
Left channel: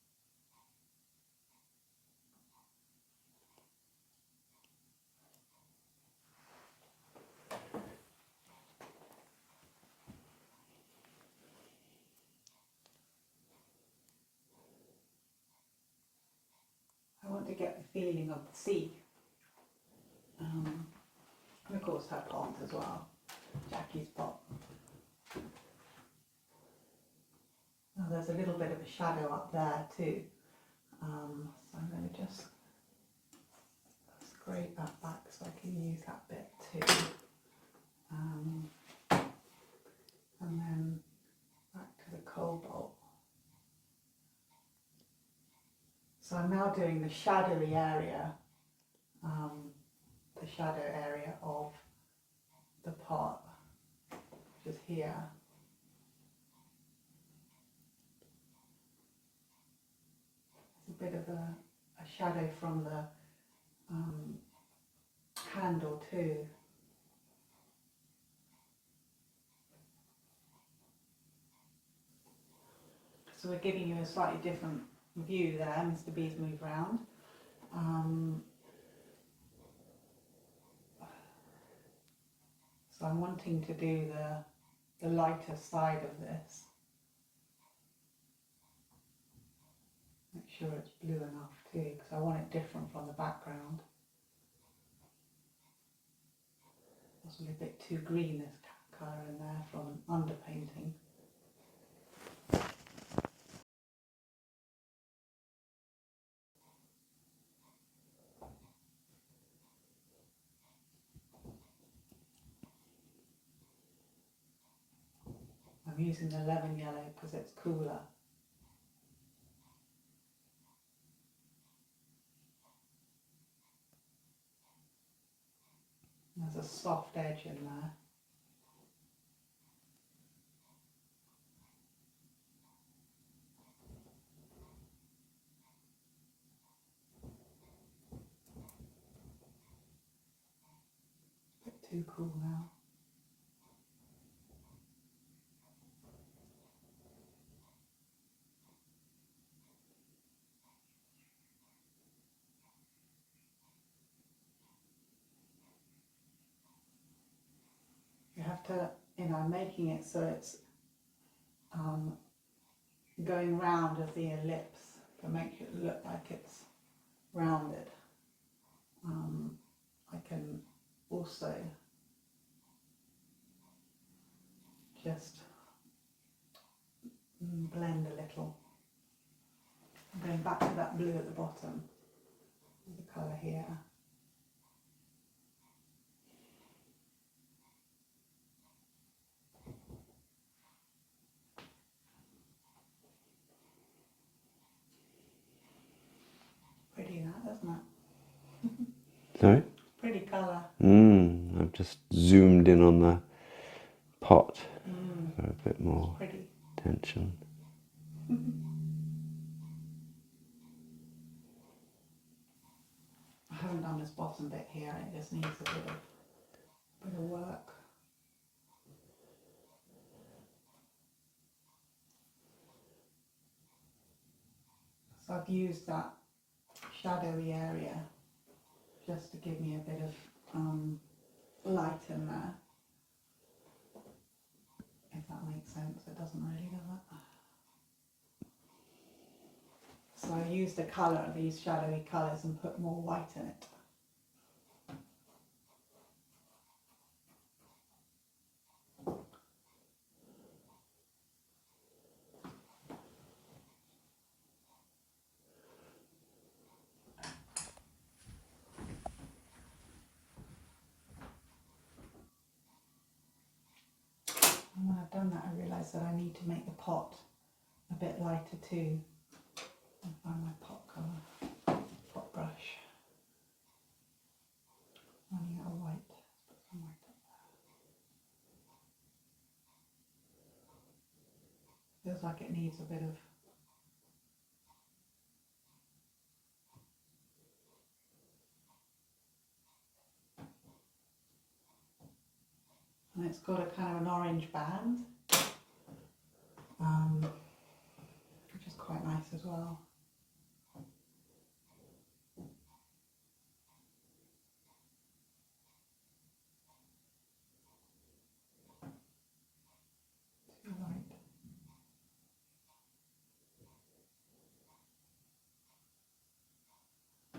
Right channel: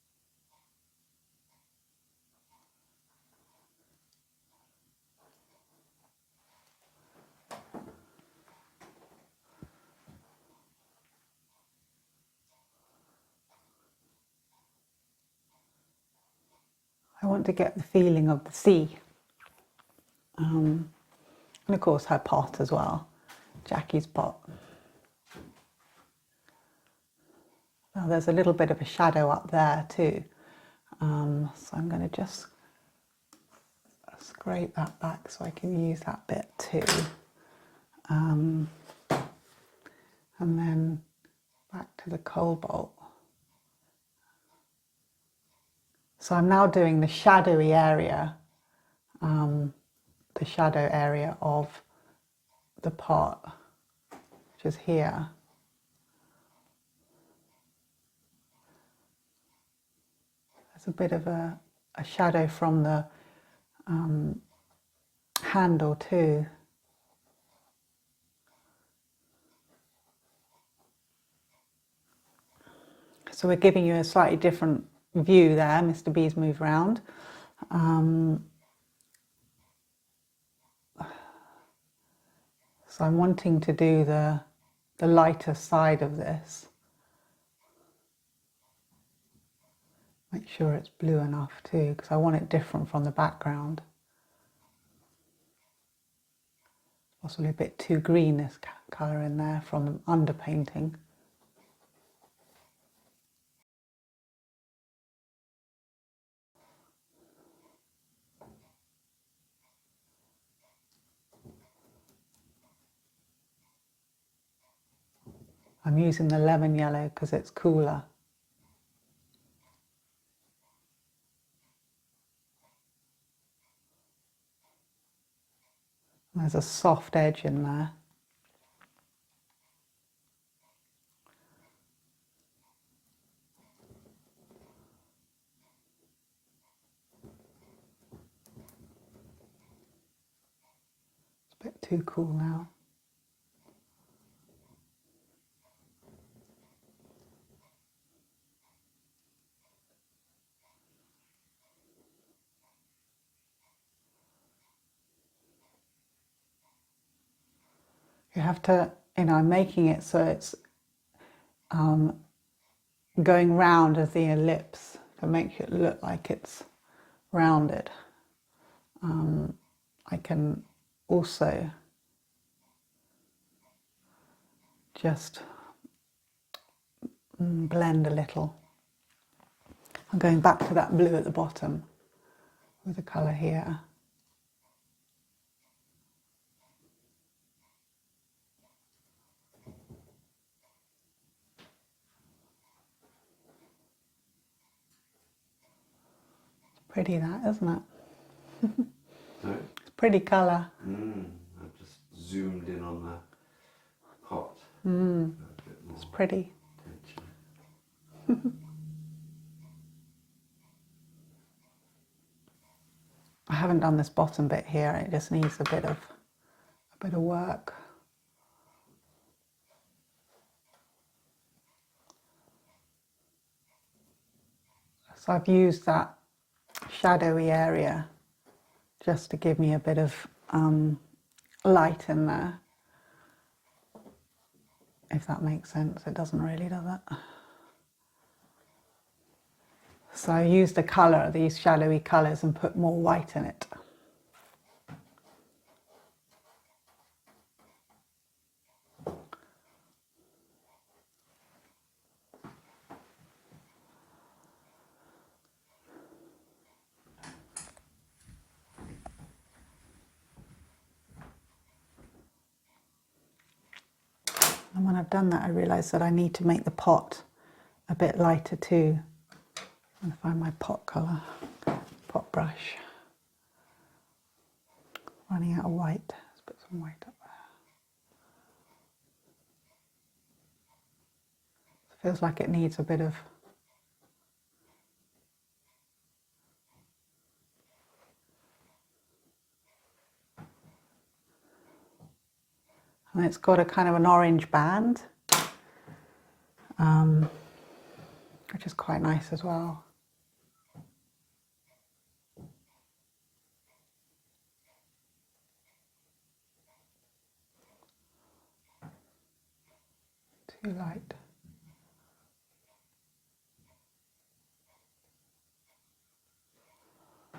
I want to get the feeling of the sea. And of course her pot as well, Jackie's pot. Now there's a little bit of a shadow up there too. So I'm going to just scrape that back so I can use that bit too. And then back to the cobalt. So I'm now doing the shadowy area, the shadow area of the pot, which is here. There's a bit of a shadow from the handle too. So we're giving you a slightly different view there. Mr. B's moved around. So I'm wanting to do the lighter side of this. Make sure it's blue enough too, because I want it different from the background. Possibly a bit too green, this colour in there from the underpainting. I'm using the lemon yellow because it's cooler. There's a soft edge in there. It's a bit too cool now. You have to, I'm making it so it's going round as the ellipse to make it look like it's rounded. I can also just blend a little. I'm going back to that blue at the bottom with the colour here. Pretty that, isn't it? Sorry? It's pretty colour. I've just zoomed in on the pot for a bit more It's pretty. tension. I haven't done this bottom bit here. It just needs a bit of work. So I've used that shadowy area just to give me a bit of light in there. If that makes sense. It doesn't really, does it? So I use the colour, these shadowy colours, and put more white in it. And when I've done that, I realise that I need to make the pot a bit lighter too. I'm going to find my pot colour, pot brush. Running out of white. Let's put some white up there. Feels like it needs a bit of and it's got a kind of an orange band, which is quite nice as well. Too light.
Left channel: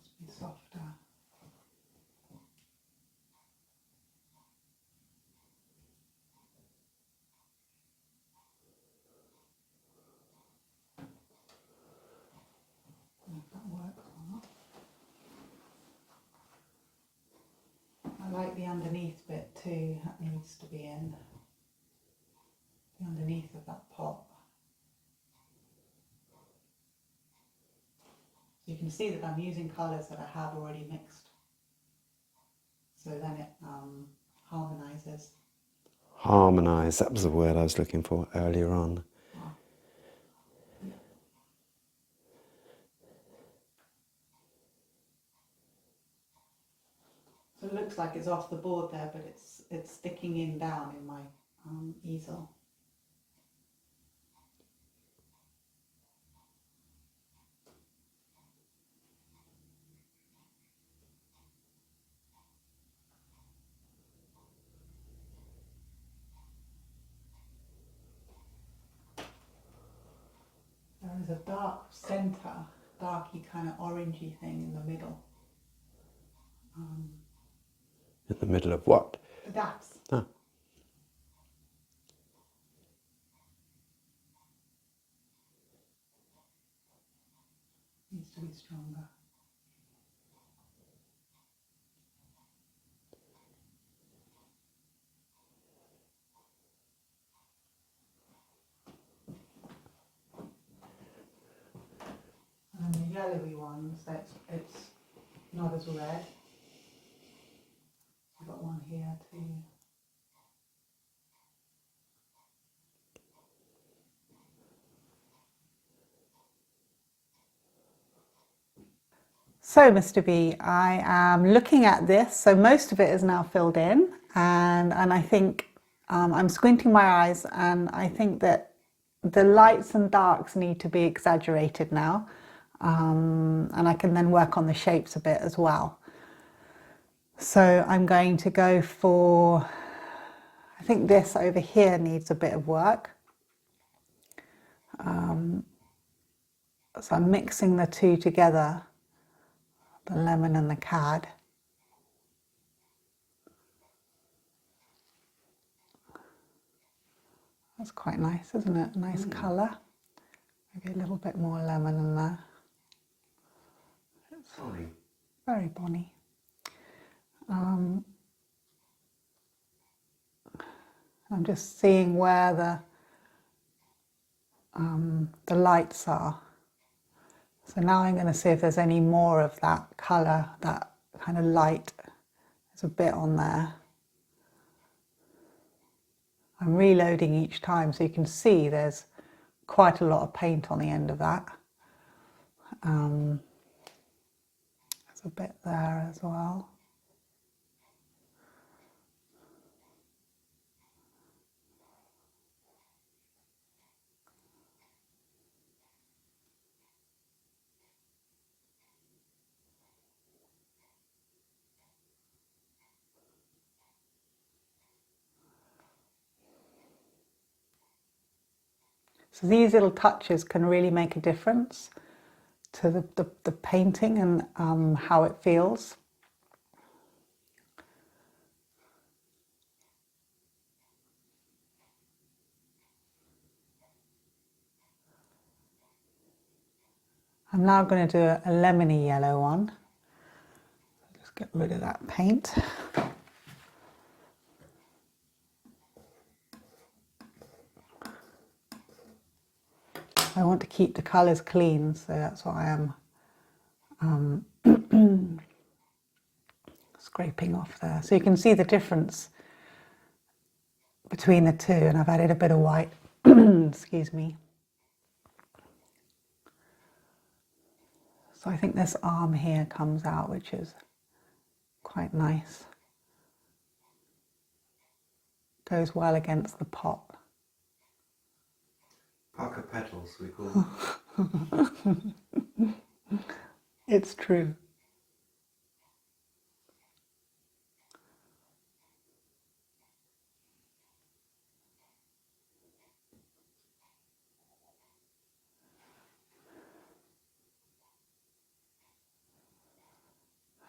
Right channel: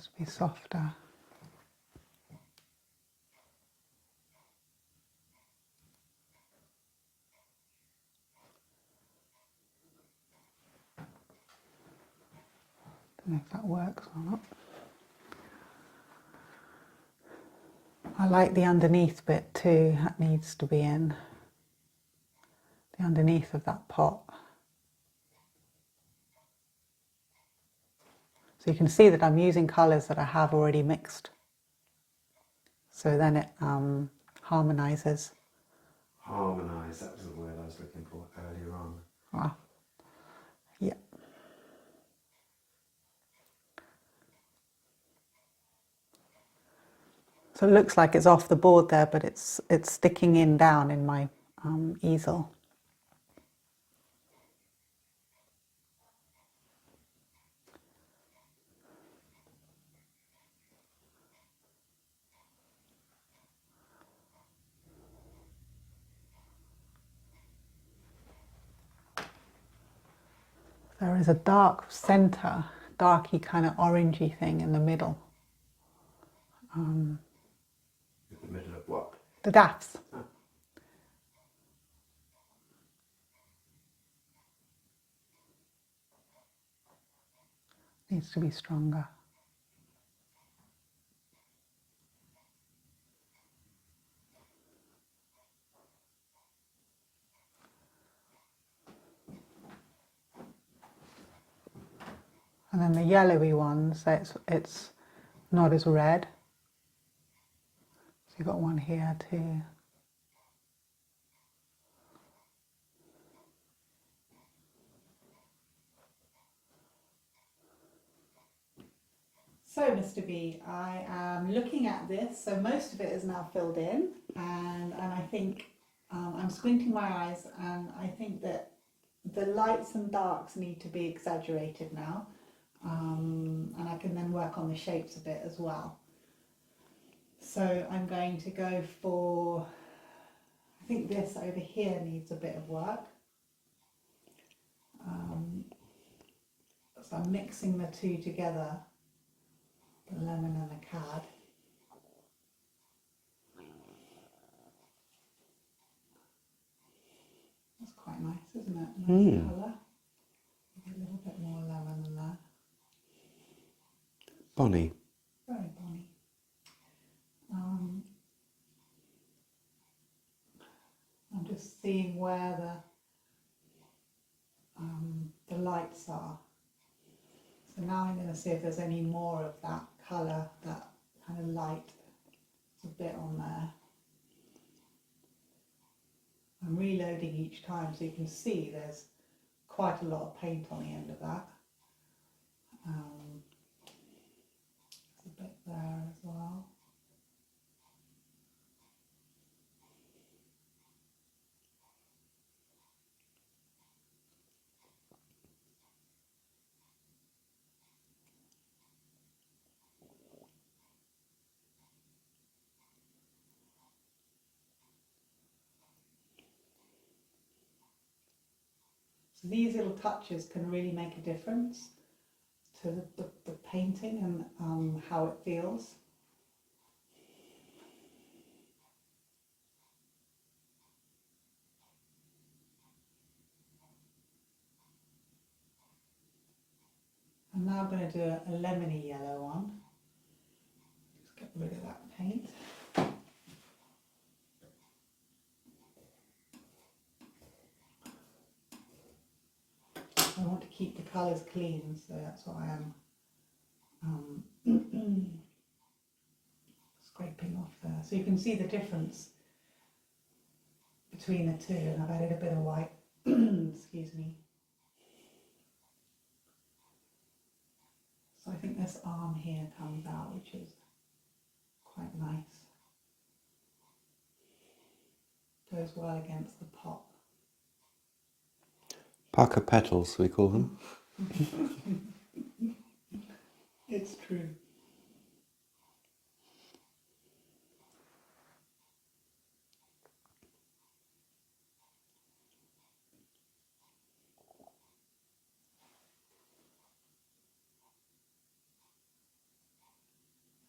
Needs to be softer. Don't know if that works or not. I like the underneath bit too. That needs to be in. The underneath of that pot. So you can see that I'm using colours that I have already mixed. So then it harmonises. Harmonise, that was the word I was looking for earlier on. Wow. Yeah. So it looks like it's off the board there, but it's sticking in down in my easel. There is a dark centre, darky kind of orangey thing in the middle. In the middle of what? The daffs. Ah. Needs to be stronger. And then the yellowy ones, it's not as red. So you've got one here too. So Mr. B, I am looking at this. So most of it is now filled in, and I think I'm squinting my eyes, and I think that the lights and darks need to be exaggerated now. And I can then work on the shapes a bit as well. So I'm going to go for, I think this over here needs a bit of work. So I'm mixing the two together, the lemon and the cad. That's quite nice, isn't it? Nice colour. Maybe a little bit more lemon in there. Bonny. Very bonny. I'm just seeing where the lights are. So now I'm going to see if there's any more of that colour, that kind of light. There's a bit on there. I'm reloading each time so you can see there's quite a lot of paint on the end of that. There's a bit there as well. So these little touches can really make a difference to the painting and how it feels. I'm now going to do a lemony yellow one. Just get rid of that paint. I want to keep the colours clean, so that's what I am scraping off there. So you can see the difference between the two, and I've added a bit of white. Excuse me. So I think this arm here comes out, which is quite nice. Goes well against the pot. Pucker petals, we call them. It's true.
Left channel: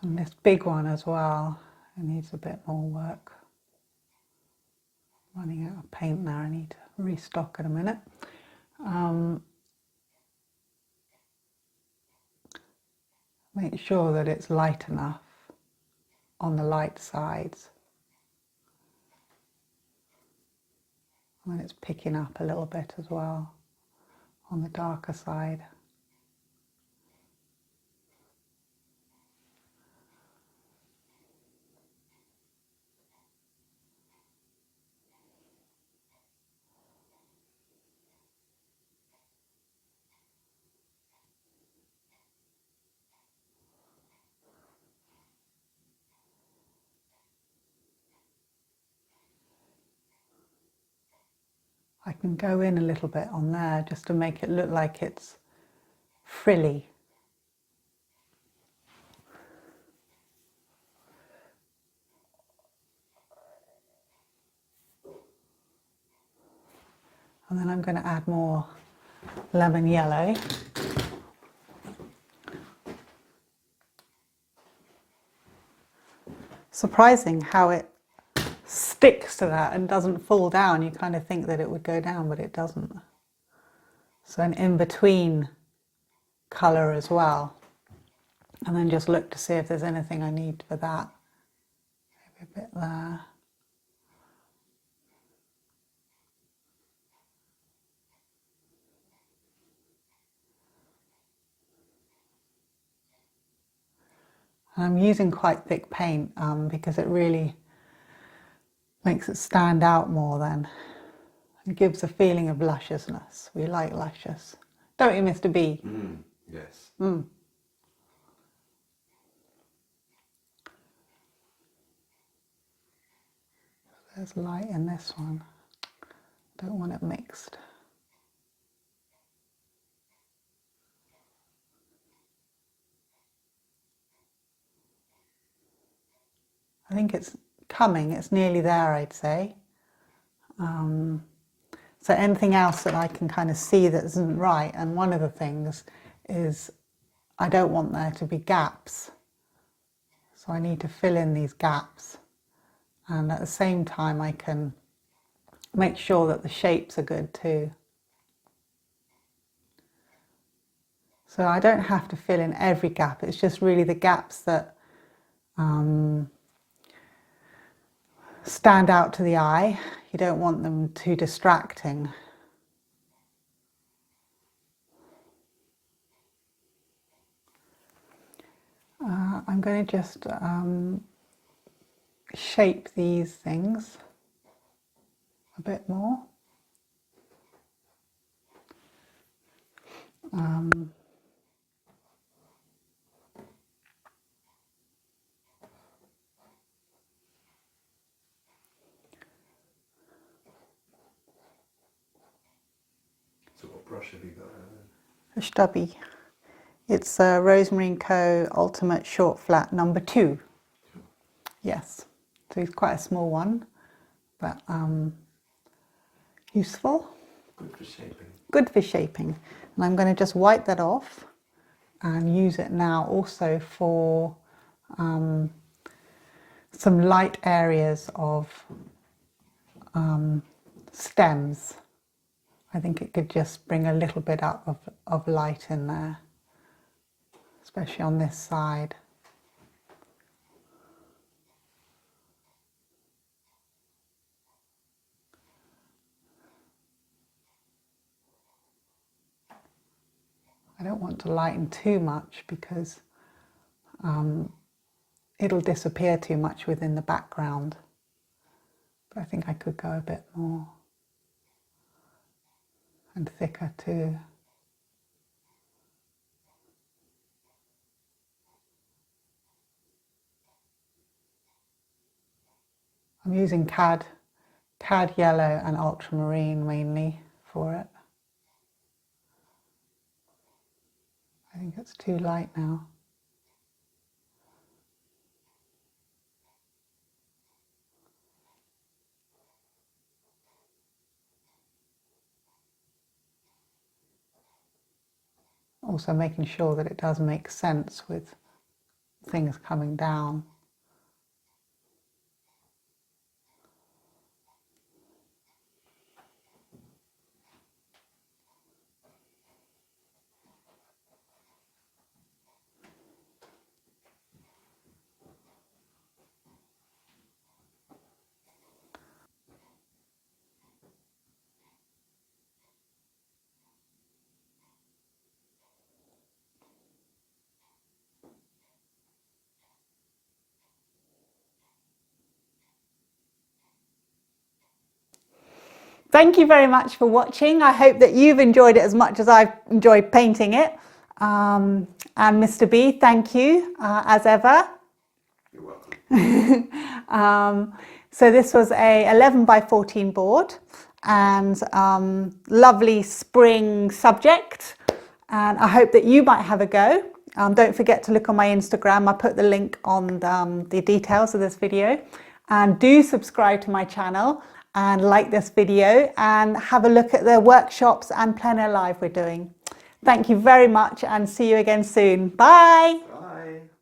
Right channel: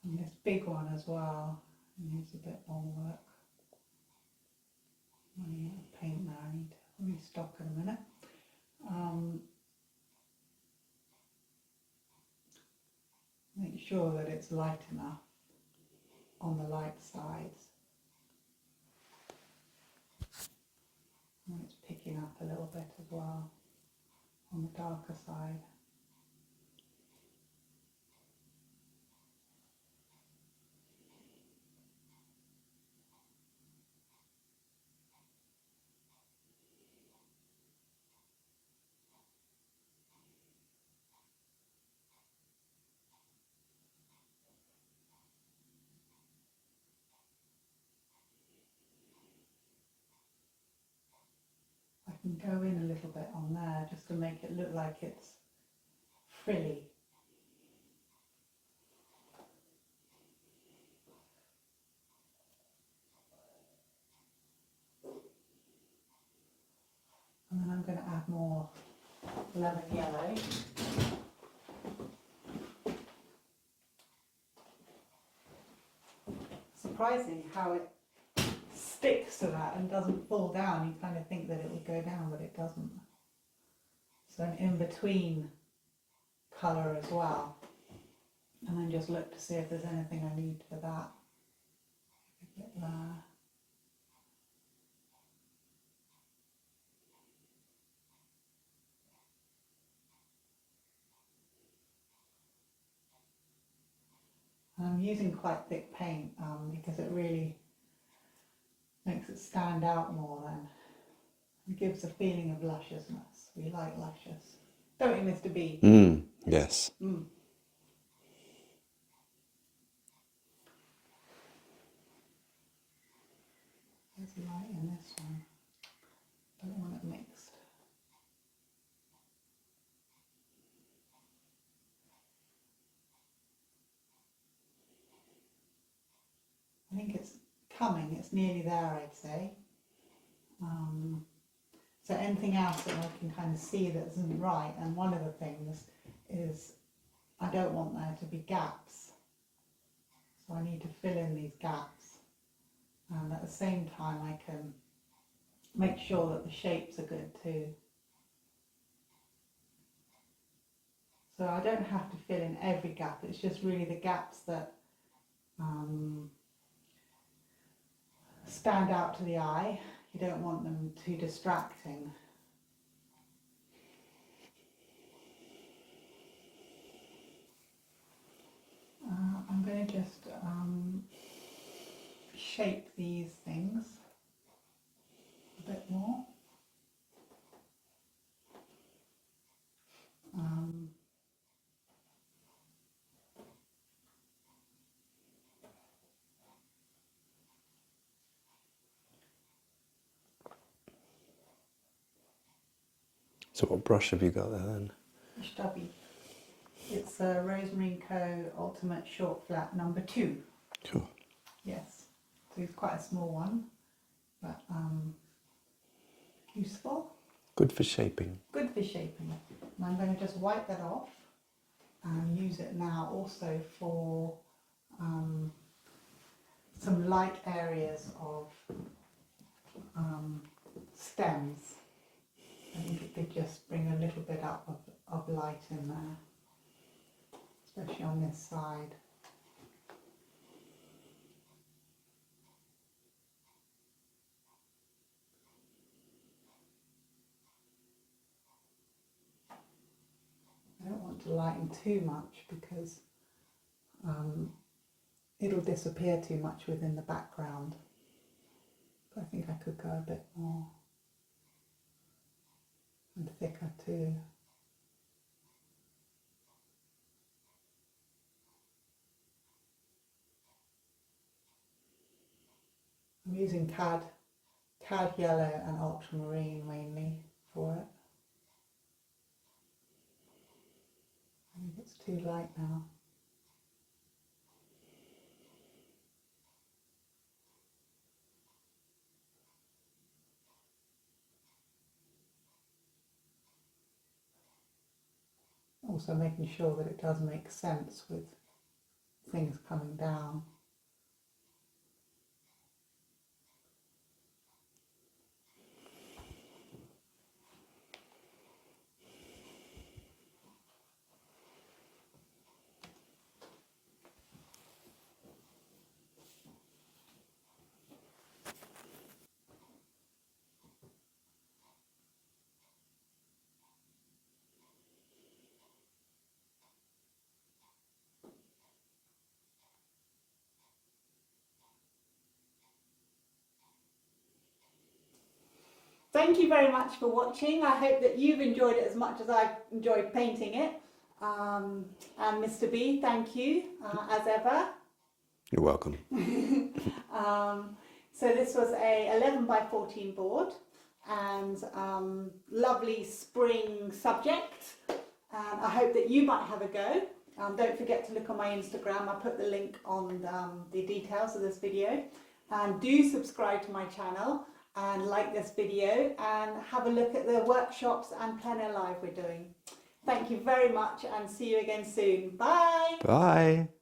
And this big one as well, it needs a bit more work. Running out of paint now, I need to restock in a minute. Make sure that it's light enough on the light sides. And it's picking up a little bit as well on the darker side. I can go in a little bit on there just to make it look like it's frilly. And then I'm going to add more lemon yellow. Surprising how it sticks to that and doesn't fall down. You kind of think that it would go down, but it doesn't. So an in-between colour as well. And then just look to see if there's anything I need for that. Maybe a bit there. I'm using quite thick paint because it really makes it stand out more then. It gives a feeling of lusciousness. We like luscious. Don't you, Mr. B? Yes. There's light in this one. Don't want it mixed. I think it's coming, it's nearly there, I'd say. So anything else that I can kind of see that isn't right, and one of the things is I don't want there to be gaps. So I need to fill in these gaps. And at the same time I can make sure that the shapes are good too. So I don't have to fill in every gap, it's just really the gaps that stand out to the eye. You don't want them too distracting. I'm going to just shape these things a bit more. So what brush have you got there then? A stubby. It's a Rosemary & Co. Ultimate Short Flat number 2. Cool. Yes, so it's quite a small one, but useful. Good for shaping. Good for shaping. And I'm going to just wipe that off and use it now also for some light areas of stems. I think it could just bring a little bit up of light in there, especially on this side. I don't want to lighten too much because it'll disappear too much within the background. But I think I could go a bit more and thicker too. I'm using cad yellow and ultramarine mainly for it. I think it's too light now. Also making sure that it does make sense with things coming down. Thank you very much for watching. I hope that you've enjoyed it as much as I've enjoyed painting it. And Mr. B, thank you as ever. You're welcome. So this was a 11 by 14 board and lovely spring subject. And I hope that you might have a go. Don't forget to look on my Instagram. I put the link on the details of this video. And do subscribe to my channel and like this video and have a look at the workshops and plein air live we're doing. Thank you very much and see you again soon. Bye. Bye.